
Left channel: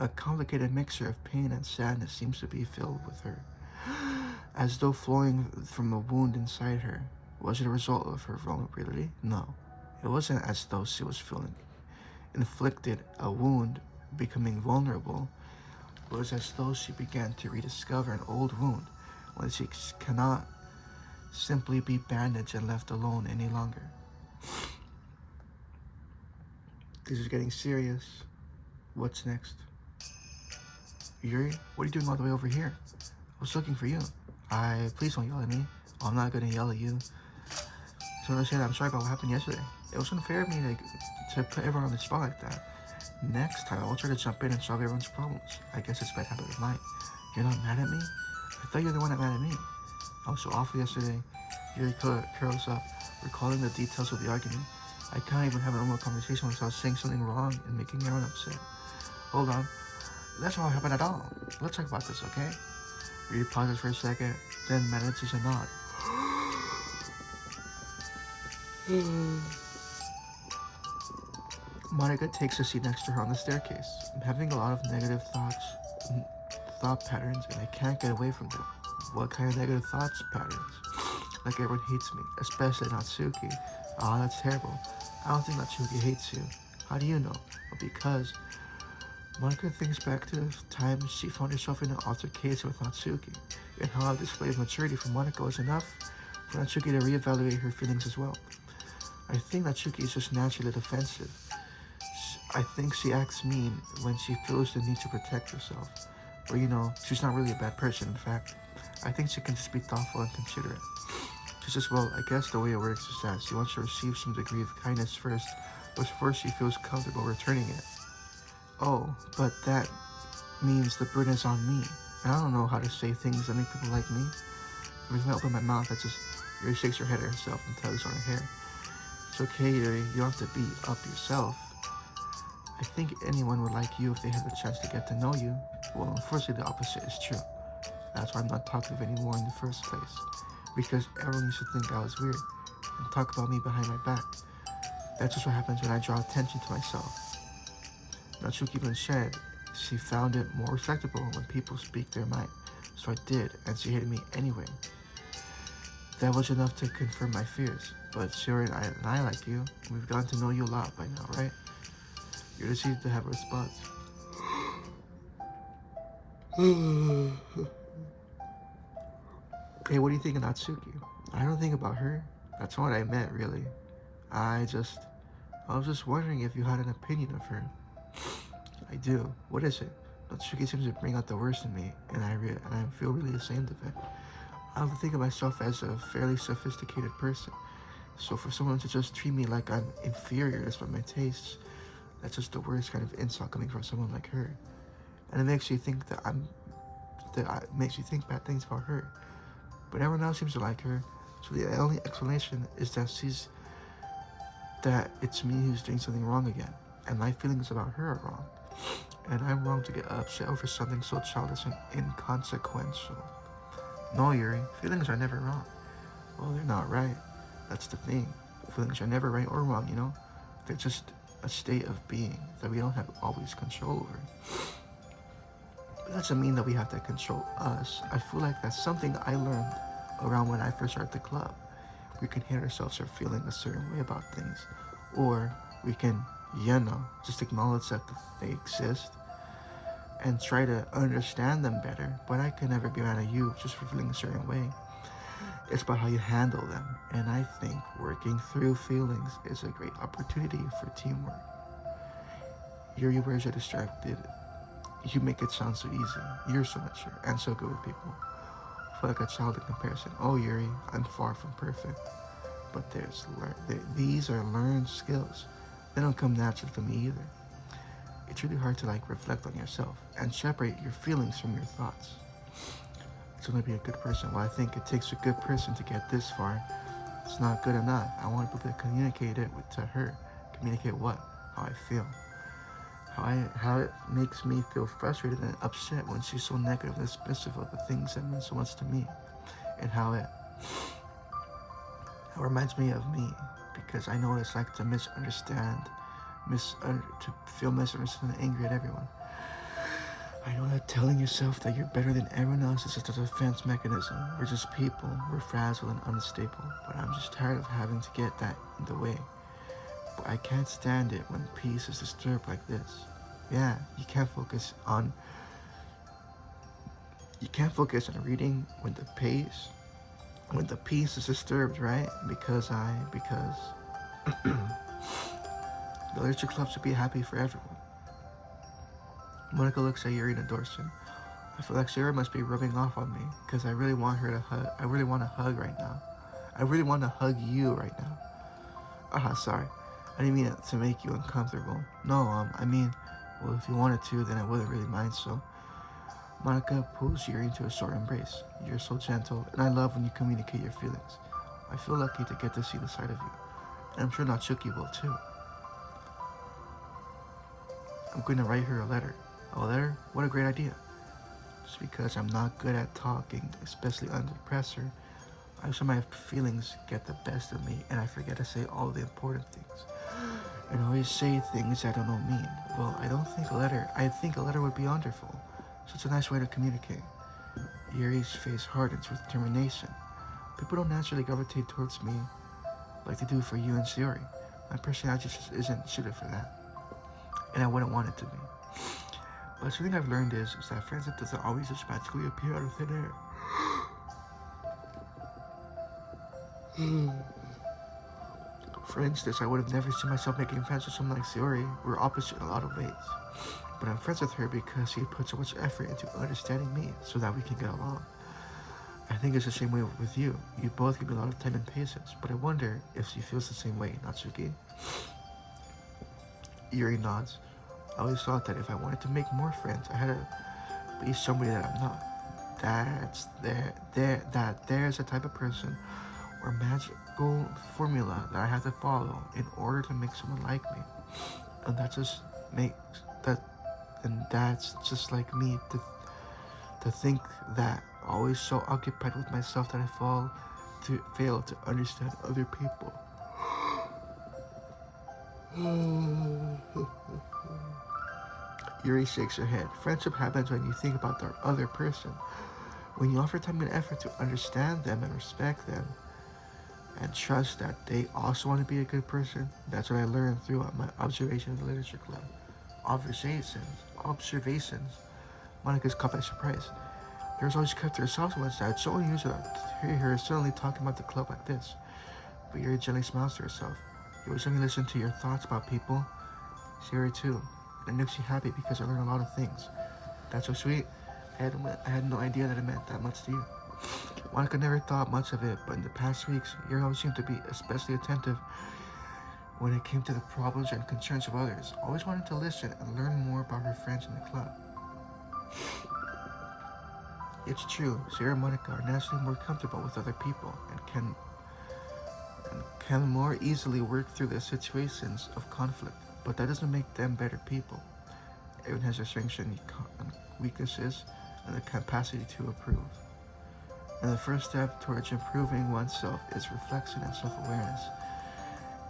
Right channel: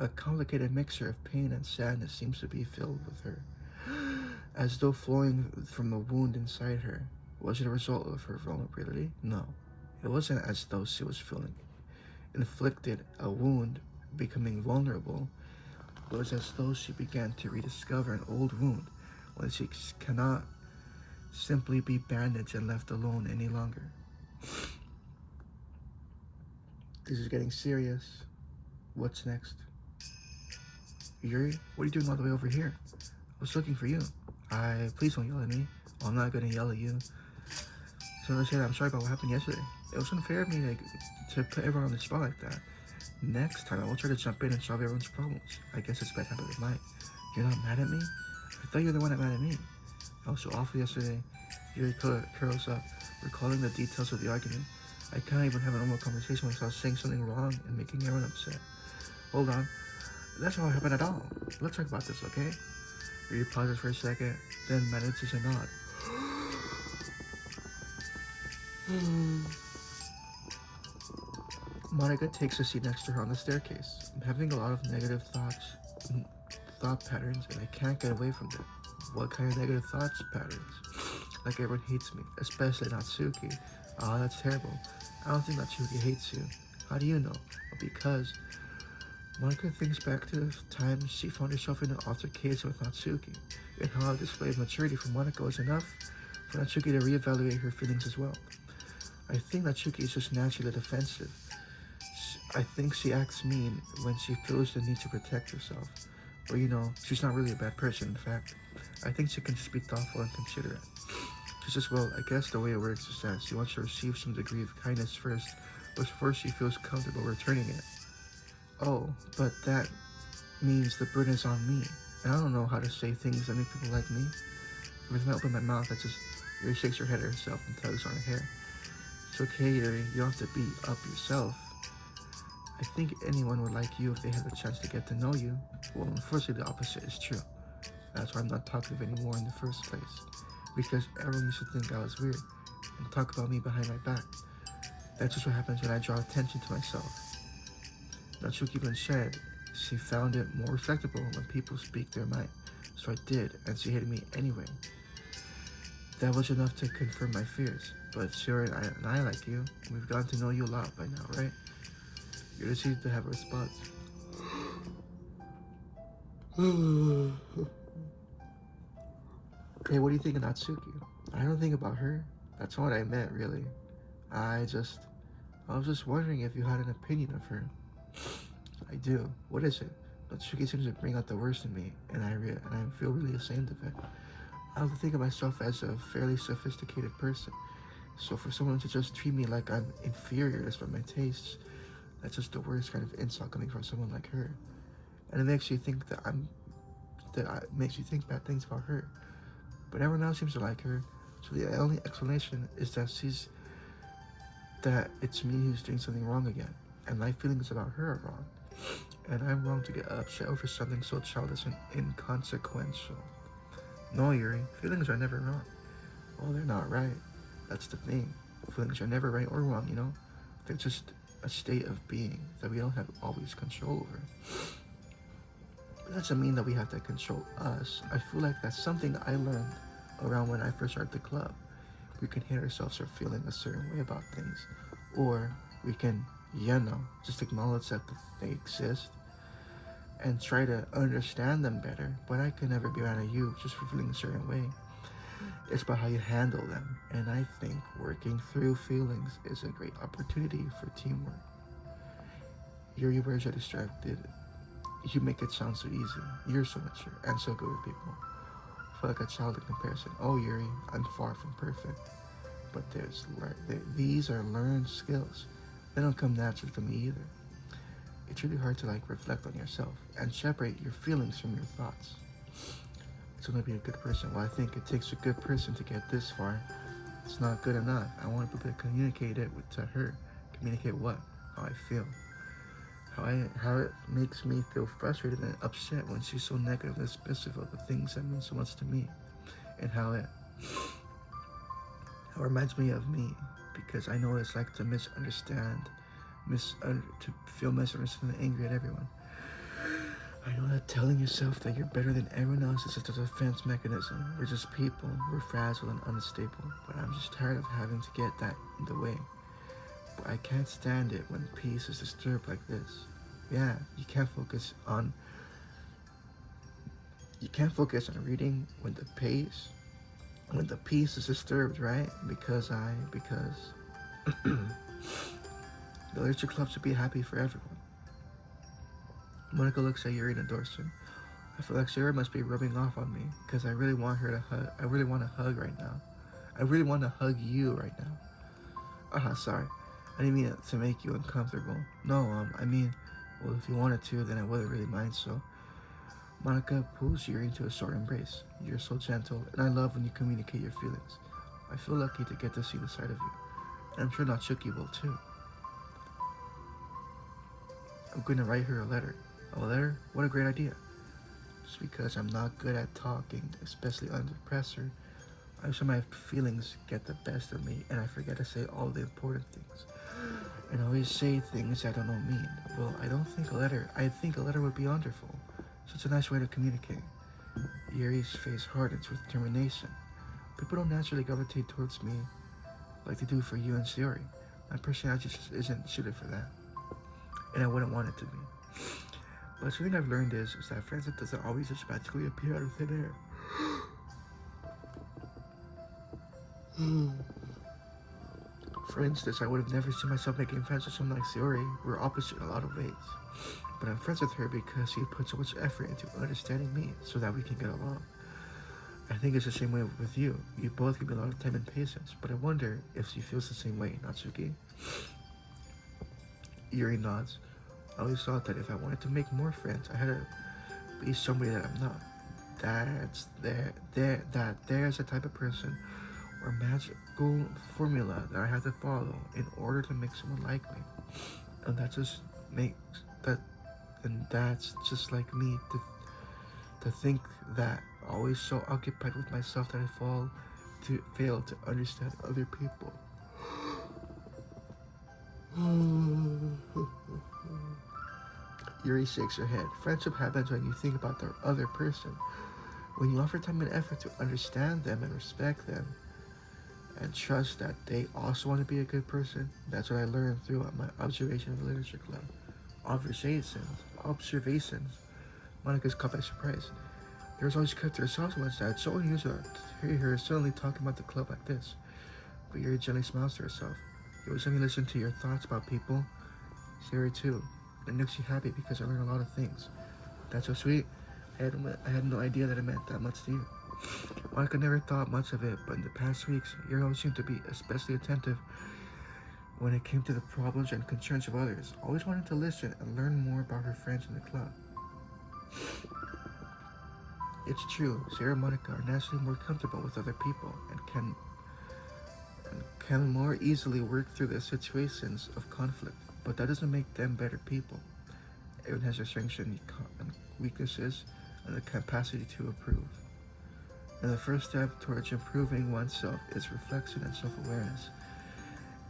A complicated mixture of pain and sadness seems to be filled with her, as though flowing from the wound inside her. Was it a result of her vulnerability? No. It wasn't as though she was feeling inflicted a wound, becoming vulnerable. It was as though she began to rediscover an old wound, when she cannot simply be bandaged and left alone any longer. This is getting serious. What's next? Yuri, what are you doing all the way over here? I was looking for you. Please don't yell at me. I'm not gonna yell at you. So I'm saying I'm sorry about what happened yesterday. It was unfair of me to put everyone on the spot like that. Next time, I will try to jump in and solve everyone's problems. I guess it's bad habit of mine. You're not mad at me? I thought you were the one that mad at me. I was so awful yesterday. Yuri curls up, recalling the details of the argument. I can't even have a normal conversation without saying something wrong and making everyone upset. Hold on. That's not what happened at all. Let's talk about this, okay? Yuri pauses for a second, then manages a nod. Monica takes a seat next to her on the staircase. I'm having a lot of negative thought patterns, and I can't get away from them. What kind of negative thoughts patterns? Like everyone hates me, especially Natsuki. Aw, that's terrible. I don't think Natsuki hates you. How do you know? Well, because Monica thinks back to the time she found herself in an altercation with Natsuki, and how a display of maturity from Monica was enough for Natsuki to reevaluate her feelings as well. I think Natsuki is just naturally defensive. I think she acts mean when she feels the need to protect herself. Or, she's not really a bad person, in fact. I think she can just be thoughtful and considerate. Just as well, I guess the way it works is that she wants to receive some degree of kindness first, before she feels comfortable returning it. Oh, but that means the burden is on me. And I don't know how to say things that make people like me. With not open my mouth, that just Yuri shakes her head at herself and tugs on her hair. It's okay, Yuri, you don't have to beat up yourself. I think anyone would like you if they had the chance to get to know you. Well, unfortunately, the opposite is true. That's why I'm not talkative anymore in the first place. Because everyone used to think I was weird and talk about me behind my back. That's just what happens when I draw attention to myself. Natsuki even said she found it more respectable when people speak their mind. So I did, and she hated me anyway. That was enough to confirm my fears. But Sarah and I like you. We've gotten to know you a lot by now, right? You just need to have a response. Okay, what do you think of Natsuki? I don't think about her. That's what I meant, really. I was just wondering if you had an opinion of her. I do. What is it? Natsuki seems to bring out the worst in me, and I feel really ashamed of it. I don't think of myself as a fairly sophisticated person. So for someone to just treat me like I'm inferior despite my tastes, that's just the worst kind of insult coming from someone like her. And it makes you think makes you think bad things about her. But everyone else seems to like her, so the only explanation is that it's me who's doing something wrong again, and my feelings about her are wrong. And I'm wrong to get upset over something so childish and inconsequential. No, Yuri, feelings are never wrong. Well, they're not right. That's the thing. Feelings are never right or wrong, They're just a state of being that we don't have always control over. But that doesn't mean that we have to control us. I feel like that's something I learned around when I first started the club. We can hate ourselves for feeling a certain way about things, or we can, just acknowledge that they exist and try to understand them better. But I can never be mad at you just for feeling a certain way. It's about how you handle them, and I think working through feelings is a great opportunity for teamwork. Your words are distracted. You make it sound so easy. You're so mature and so good with people. I feel like a child in comparison. Oh, Yuri, I'm far from perfect. But these are learned skills. They don't come naturally to me either. It's really hard to reflect on yourself and separate your feelings from your thoughts. It's going to be a good person. Well, I think it takes a good person to get this far. It's not good enough. I want to be able to communicate it to her. Communicate what? How I feel. How it makes me feel frustrated and upset when she's so negative and dismissive of the things that mean so much to me. And how it reminds me of me. Because I know what it's like to misunderstand, to feel misunderstood and angry at everyone. I know that telling yourself that you're better than everyone else is just a defense mechanism. We're just people. We're fragile and unstable. But I'm just tired of having to get that in the way. But I can't stand it when peace is disturbed like this. Yeah, you can't focus on reading when the peace is disturbed, right? Because the literature club should be happy for everyone. Monica looks at Yuri and adores her. I feel like Sarah must be rubbing off on me because I really want her to hug. I really want to hug right now. I really want to hug you right now. Sorry. I didn't mean it to make you uncomfortable. No, well, if you wanted to, then I wouldn't really mind, so. Monica pulls Yuri into a short embrace. You're so gentle, and I love when you communicate your feelings. I feel lucky to get to see the side of you. And I'm sure Natsuki will too. I'm going to write her a letter. A letter? What a great idea. Just because I'm not good at talking, especially under pressure, I feel my feelings get the best of me and I forget to say all the important things. And always say things I don't know mean. Well, I think a letter would be wonderful. So it's a nice way to communicate. Yuri's face hardens with determination. People don't naturally gravitate towards me like they do for you and Sayori. My personality just isn't suited for that. And I wouldn't want it to be. But something I've learned is that friendship doesn't always just magically appear out of thin air. For instance, I would have never seen myself making friends with someone like Sayori. We're opposite in a lot of ways. But I'm friends with her because she put so much effort into understanding me so that we can get along. I think it's the same way with you. You both give me a lot of time and patience, but I wonder if she feels the same way, Natsuki. Yuri nods. I always thought that if I wanted to make more friends, I had to be somebody that I'm not. There's a type of person or magical formula that I have to follow in order to make someone like me. And that's just like me to think that always so occupied with myself that I fail to understand other people. Yuri shakes her head. Friendship happens when you think about the other person. When you offer time and effort to understand them and respect them and trust that they also want to be a good person. That's what I learned throughout my observation of the literature club. Observations. Monica's caught by surprise. There was always kept to herself so much that it's so unusual to hear her suddenly talking about the club like this. But Yuri gently smiles to herself. It was letting me listen to your thoughts about people. Sayori too. It makes you happy because I learned a lot of things. That's so sweet. I had no idea that it meant that much to you. Monica never thought much of it, but in the past weeks, Yuri always seemed to be especially attentive when it came to the problems and concerns of others. Always wanted to listen and learn more about her friends in the club. It's true, Sayori and Monica are naturally more comfortable with other people and can more easily work through the situations of conflict, but that doesn't make them better people. Everyone has their strengths and weaknesses and the capacity to improve. And the first step towards improving oneself is reflection and self-awareness.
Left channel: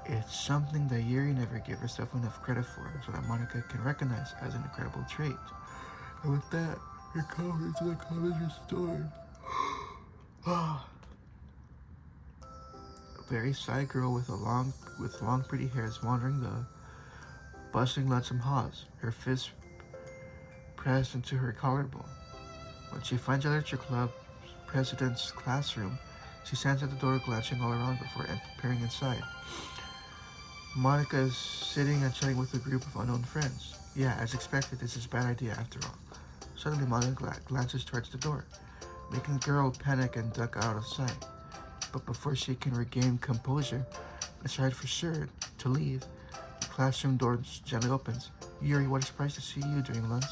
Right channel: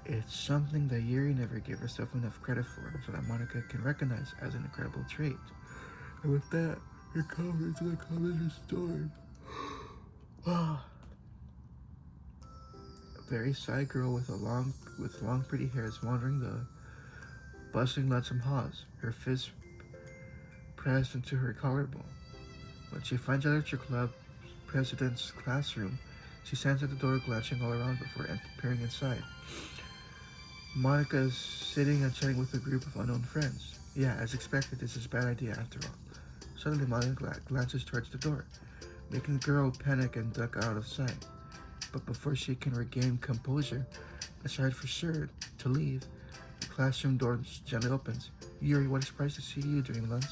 It's something that Yuri never gave herself enough credit for, so that Monica can recognize as an incredible trait. And with that, her color into the color restored. A very shy girl with long pretty hair is wandering the bustling lonesome halls, her fist pressed into her collarbone. When she finds the literature club president's classroom, she stands at the door glancing all around before peering inside. Monica is sitting and chatting with a group of unknown friends. Yeah, as expected, this is a bad idea after all. Suddenly, Monica glances towards the door. making the girl panic and duck out of sight. But before she can regain composure, decide for sure to leave, the classroom door gently opens. Yuri, what a surprise to see you during lunch.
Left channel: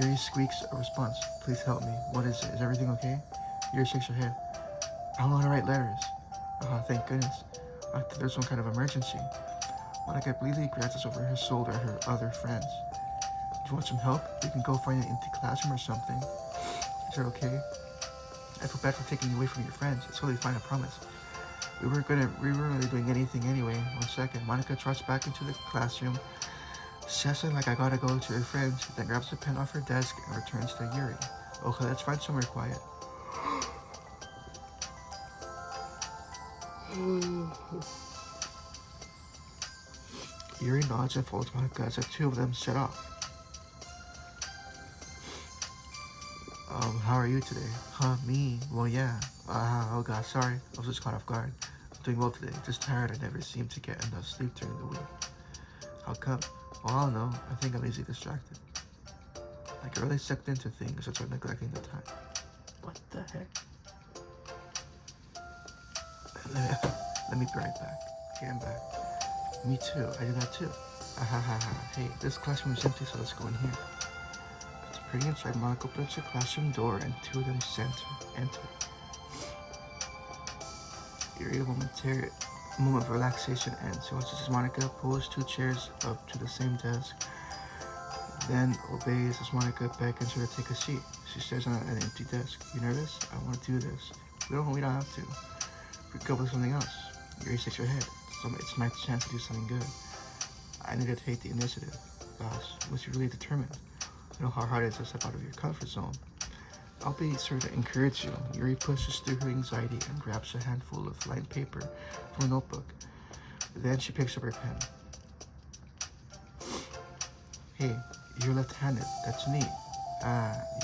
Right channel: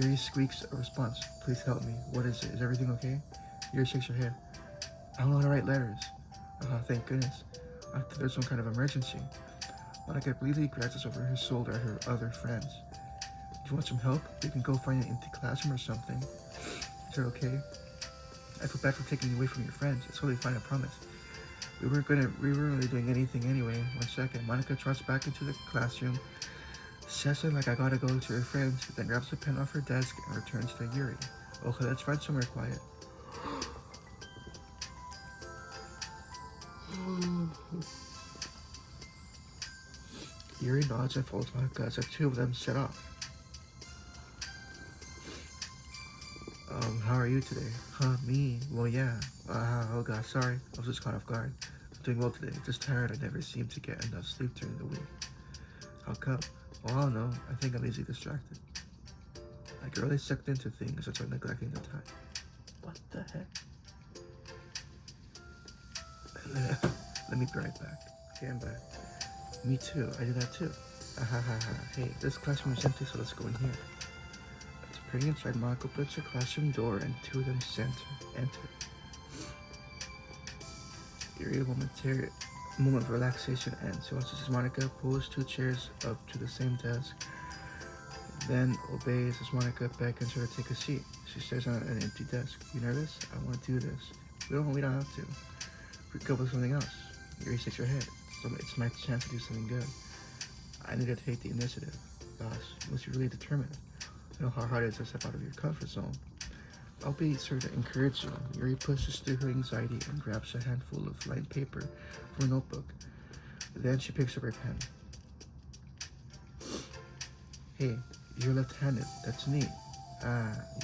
Yuri squeaks a response. Please help me. What is it? Is everything okay? Yuri shakes her head. I don't know how to write letters. Oh, thank goodness. I think there's some kind of emergency. Monica immediately glances over her shoulder at her other friends. Do you want some help? We can go find an empty classroom or something. Is it okay? I feel bad for taking you away from your friends. It's totally fine, I promise. We weren't really doing anything anyway. 1 second. Monica trots back into the classroom, says it like I gotta go to her friends, then grabs a pen off her desk and returns to Yuri. Okay, let's find somewhere quiet. Yuri nods and follows Monica as the two of them set off. How are you today? Huh, me? Well, yeah. Oh god, sorry. I was just caught off guard. I'm doing well today. Just tired. I never seem to get enough sleep during the week. How come? Well, I don't know. I think I'm easily distracted. I get really sucked into things, that's why I'm neglecting the time. What the heck? Let me be right back. Okay, I'm back. Me too. I do that too. Hey, this classroom is empty, so let's go in here. Peering inside, Monica opens the classroom door and two of them enter. Yuri, a moment of relaxation ends. She watches as Monica pulls 2 chairs up to the same desk, then obeys as Monica beckons her to take a seat. She stares at an empty desk. You nervous? I want to do this. We don't have to. We could go with something else. Yuri shakes her head. It's my chance to do something good. I need to take the initiative. Boss, you must be really determined. You know how hard it is to step out of your comfort zone. I'll be sure to encourage you. Yuri pushes through her anxiety and grabs a handful of lined paper from a notebook. Then she picks up her pen. Hey, you're left-handed. That's neat.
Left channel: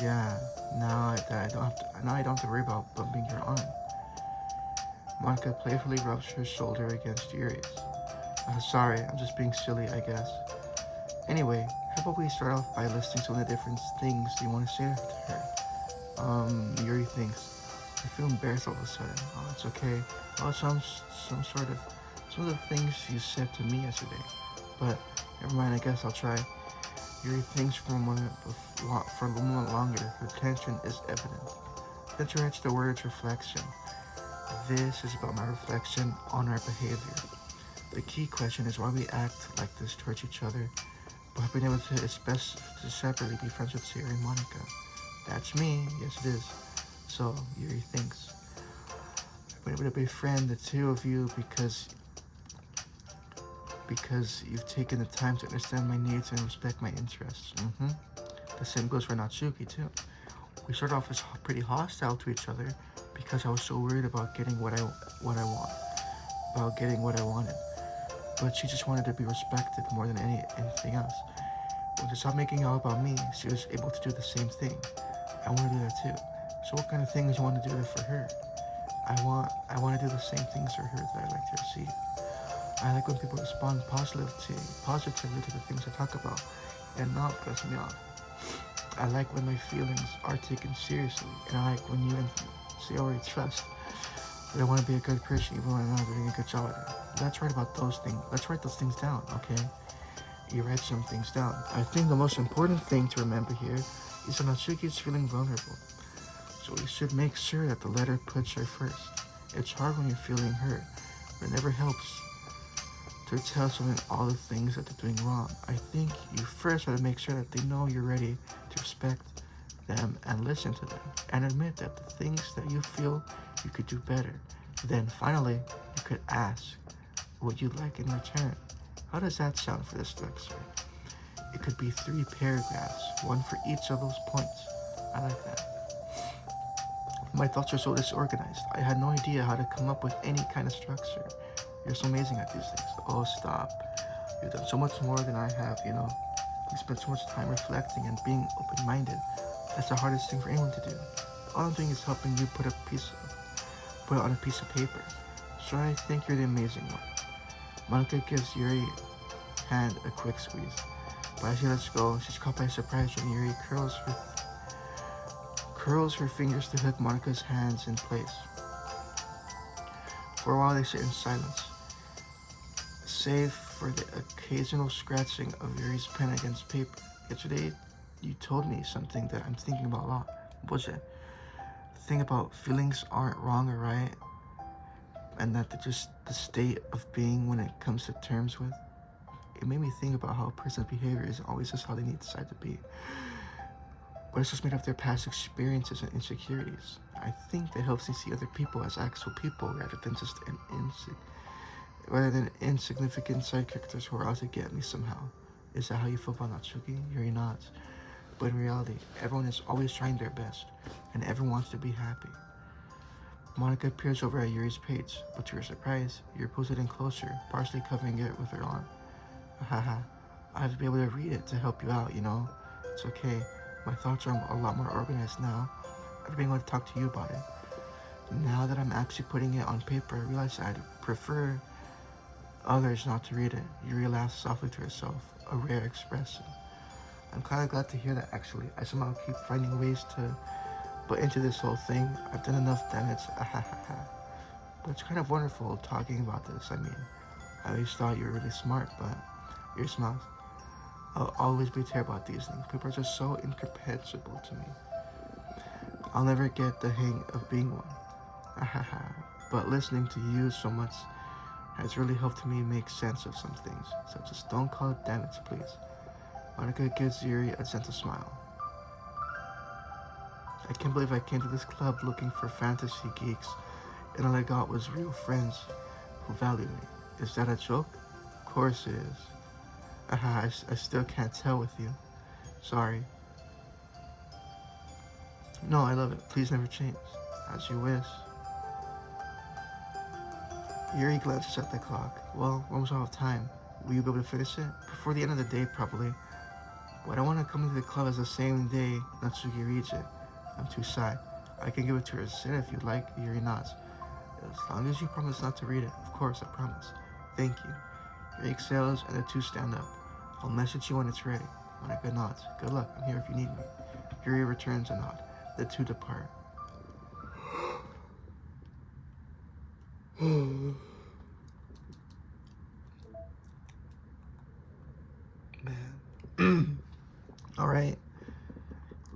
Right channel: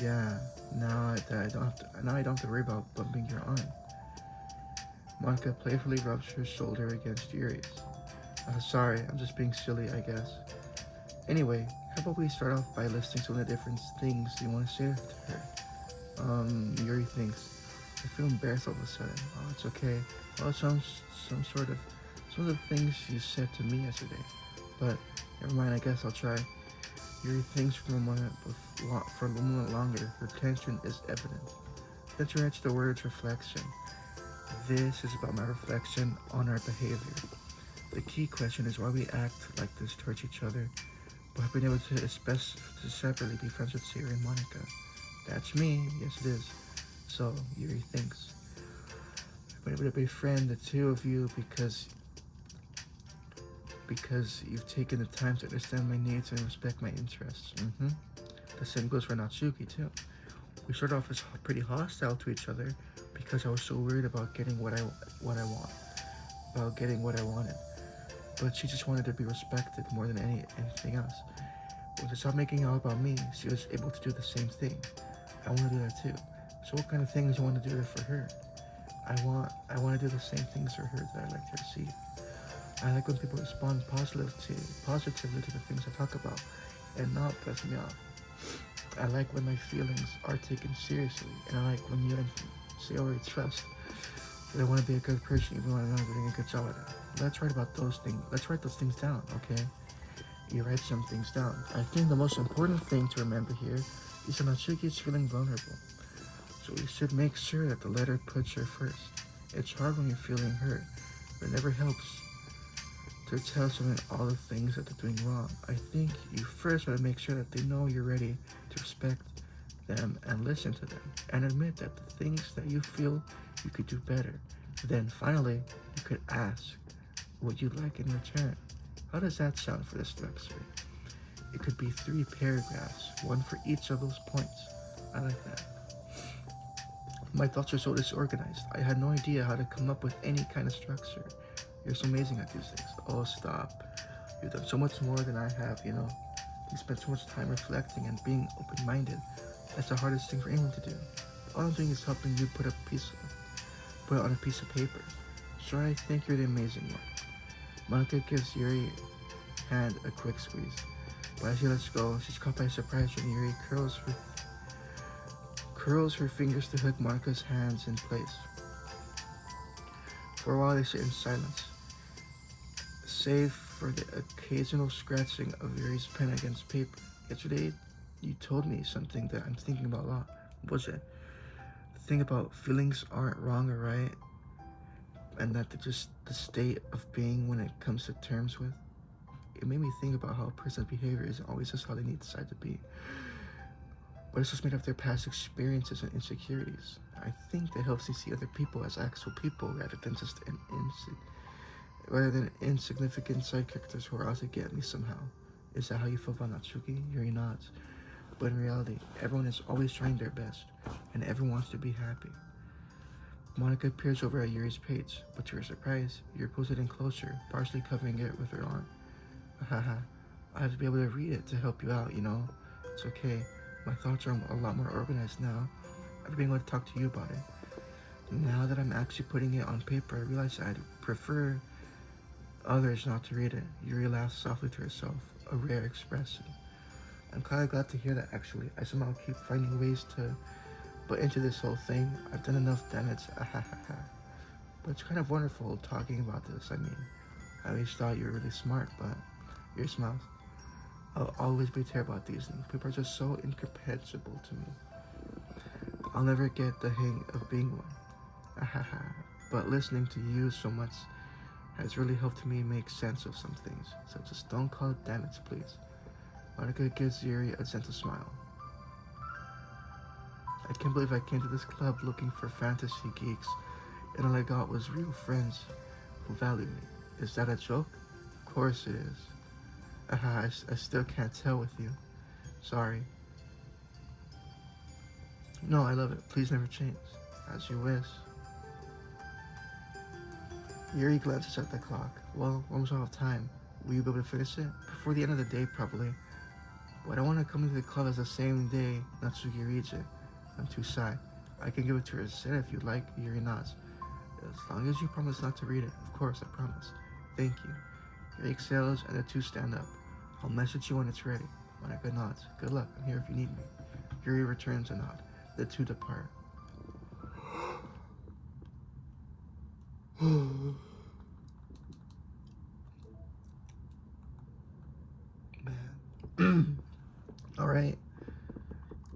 Yeah. Now I don't have to worry about bumping your arm. Monica playfully rubs her shoulder against Yuri's. Sorry, I'm just being silly, I guess. Anyway, how about we start off by listing some of the different things you want to say to her? Yuri thinks. I feel embarrassed all of a sudden. Oh, it's okay. Oh, it sounds some of the things you said to me yesterday. But never mind, I guess I'll try. Yuri thinks for a moment longer. Her tension is evident. Then she writes the words reflection. This is about my reflection on our behavior. The key question is why we act like this towards each other, but I've been able to separately be friends with Sarah and Monica. That's me, yes it is. So, Yuri thinks. I've been able to befriend the two of you because you've taken the time to understand my needs and respect my interests. The same goes for Natsuki too. We started off as pretty hostile to each other because I was so worried about getting what I wanted. But she just wanted to be respected more than anything else. When she stopped making it all about me, she was able to do the same thing. I want to do that too. So what kind of things you want to do for her? I want to do the same things for her that I like to receive. I like when people respond positively to the things I talk about and not pass me off. I like when my feelings are taken seriously, and I like when you and see already trust that I want to be a good person even when I'm not doing a good job at it. Let's write about those things. Let's write those things down, okay? You write some things down. I think the most important thing to remember here is that Natsuki is feeling vulnerable. So we should make sure that the letter puts her first. It's hard when you're feeling hurt, but it never helps to tell someone all the things that they're doing wrong. I think you first have to make sure that they know you're ready to respect them and listen to them and admit that the things that you feel you could do better. Then finally, you could ask what you'd like in return. How does that sound for this structure? It could be 3 paragraphs, one for each of those points. I like that. My thoughts are so disorganized. I had no idea how to come up with any kind of structure. You're so amazing at these things. Oh, stop. You've done so much more than I have, you know. You spent so much time reflecting and being open-minded. That's the hardest thing for anyone to do. All I'm doing is helping you put it on a piece of paper. So I think you're the amazing one. Monica gives Yuri hand a quick squeeze. But as she lets go, she's caught by surprise when Yuri curls her fingers to hook Monica's hands in place. For a while they sit in silence, save for the occasional scratching of Yuri's pen against paper. Yesterday, you told me something that I'm thinking about a lot. What was it? The thing about feelings aren't wrong or right, and that they're just the state of being when it comes to terms with. It made me think about how a person's behavior isn't always just how they need decide to be, but it's just made of their past experiences and insecurities. I think that helps me see other people as actual people rather than just insignificant side characters who are out to get me somehow. Is that how you feel about Natsuki? Yuri nods. But in reality, everyone is always trying their best, and everyone wants to be happy. Monica peers over at Yuri's page, but to her surprise, Yuri pulls it in closer, partially covering it with her arm. Haha, I have to be able to read it to help you out, you know? It's okay. My thoughts are a lot more organized now. I've been able to talk to you about it. Now that I'm actually putting it on paper, I realize I'd prefer others not to read it. Yuri laughs softly to herself, a rare expression. I'm kind of glad to hear that, actually. I somehow keep finding ways to butt into this whole thing. I've done enough damage. But it's kind of wonderful talking about this. I mean, I always thought you were really smart, but your smiles. I'll always be terrible at these things. People are just so incomprehensible to me. I'll never get the hang of being one. But listening to you so much has really helped me make sense of some things. So just don't call it damage, please. Monica gives Yuri a gentle smile. I can't believe I came to this club looking for fantasy geeks, and all I got was real friends who value me. Is that a joke? Of course it is. I still can't tell with you. Sorry. No, I love it. Please never change. As you wish. Yuri glances at the clock. Well, we're almost out of time. Will you be able to finish it? Before the end of the day, probably. But I want to come to the club as the same day Natsuki reads it. I'm too shy. I can give it to her instead if you like. Yuri nods. As long as you promise not to read it. Of course, I promise. Thank you. Yuri exhales and the two stand up. I'll message you when it's ready. Monica nods. Good luck. I'm here if you need me. Yuri returns a nod. The two depart. Man. Alright.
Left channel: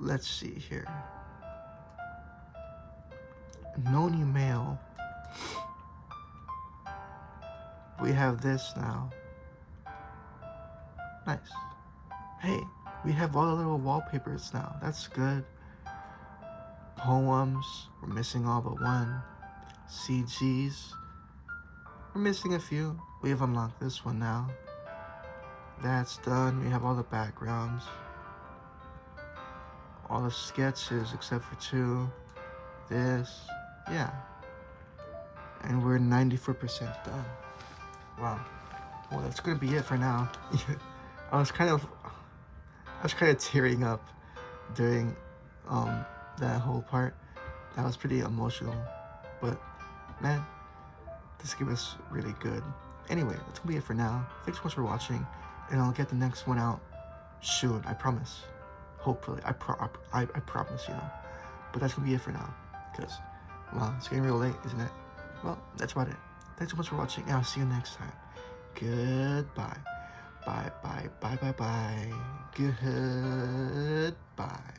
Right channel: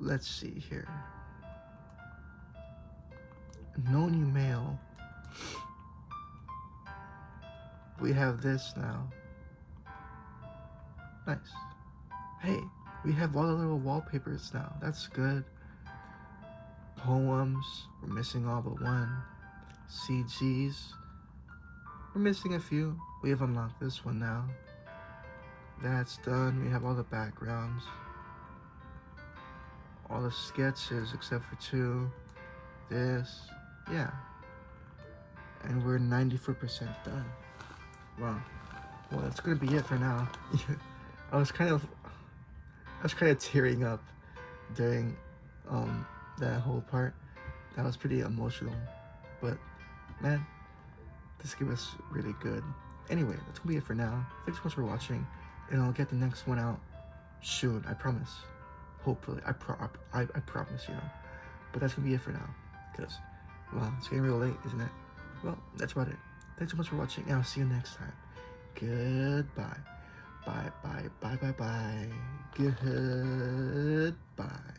Let's see here. No new mail. We have this now. Nice. Hey, we have all the little wallpapers now. That's good. Poems. We're missing all but one. CGs. We're missing a few. We have unlocked this one now. That's done. We have all the backgrounds. All the sketches except for two. This. Yeah. And we're 94% done. Wow. Well, that's gonna be it for now. I was kind of tearing up during that whole part. That was pretty emotional. But man, this game is really good. Anyway, that's gonna be it for now. Thanks so much for watching, and I'll get the next one out soon. I promise. Hopefully, I promise, you know. But that's gonna be it for now, because well, it's getting real late, isn't it? Well, that's about it. Thanks so much for watching, and I'll see you next time. Goodbye. Bye. Goodbye.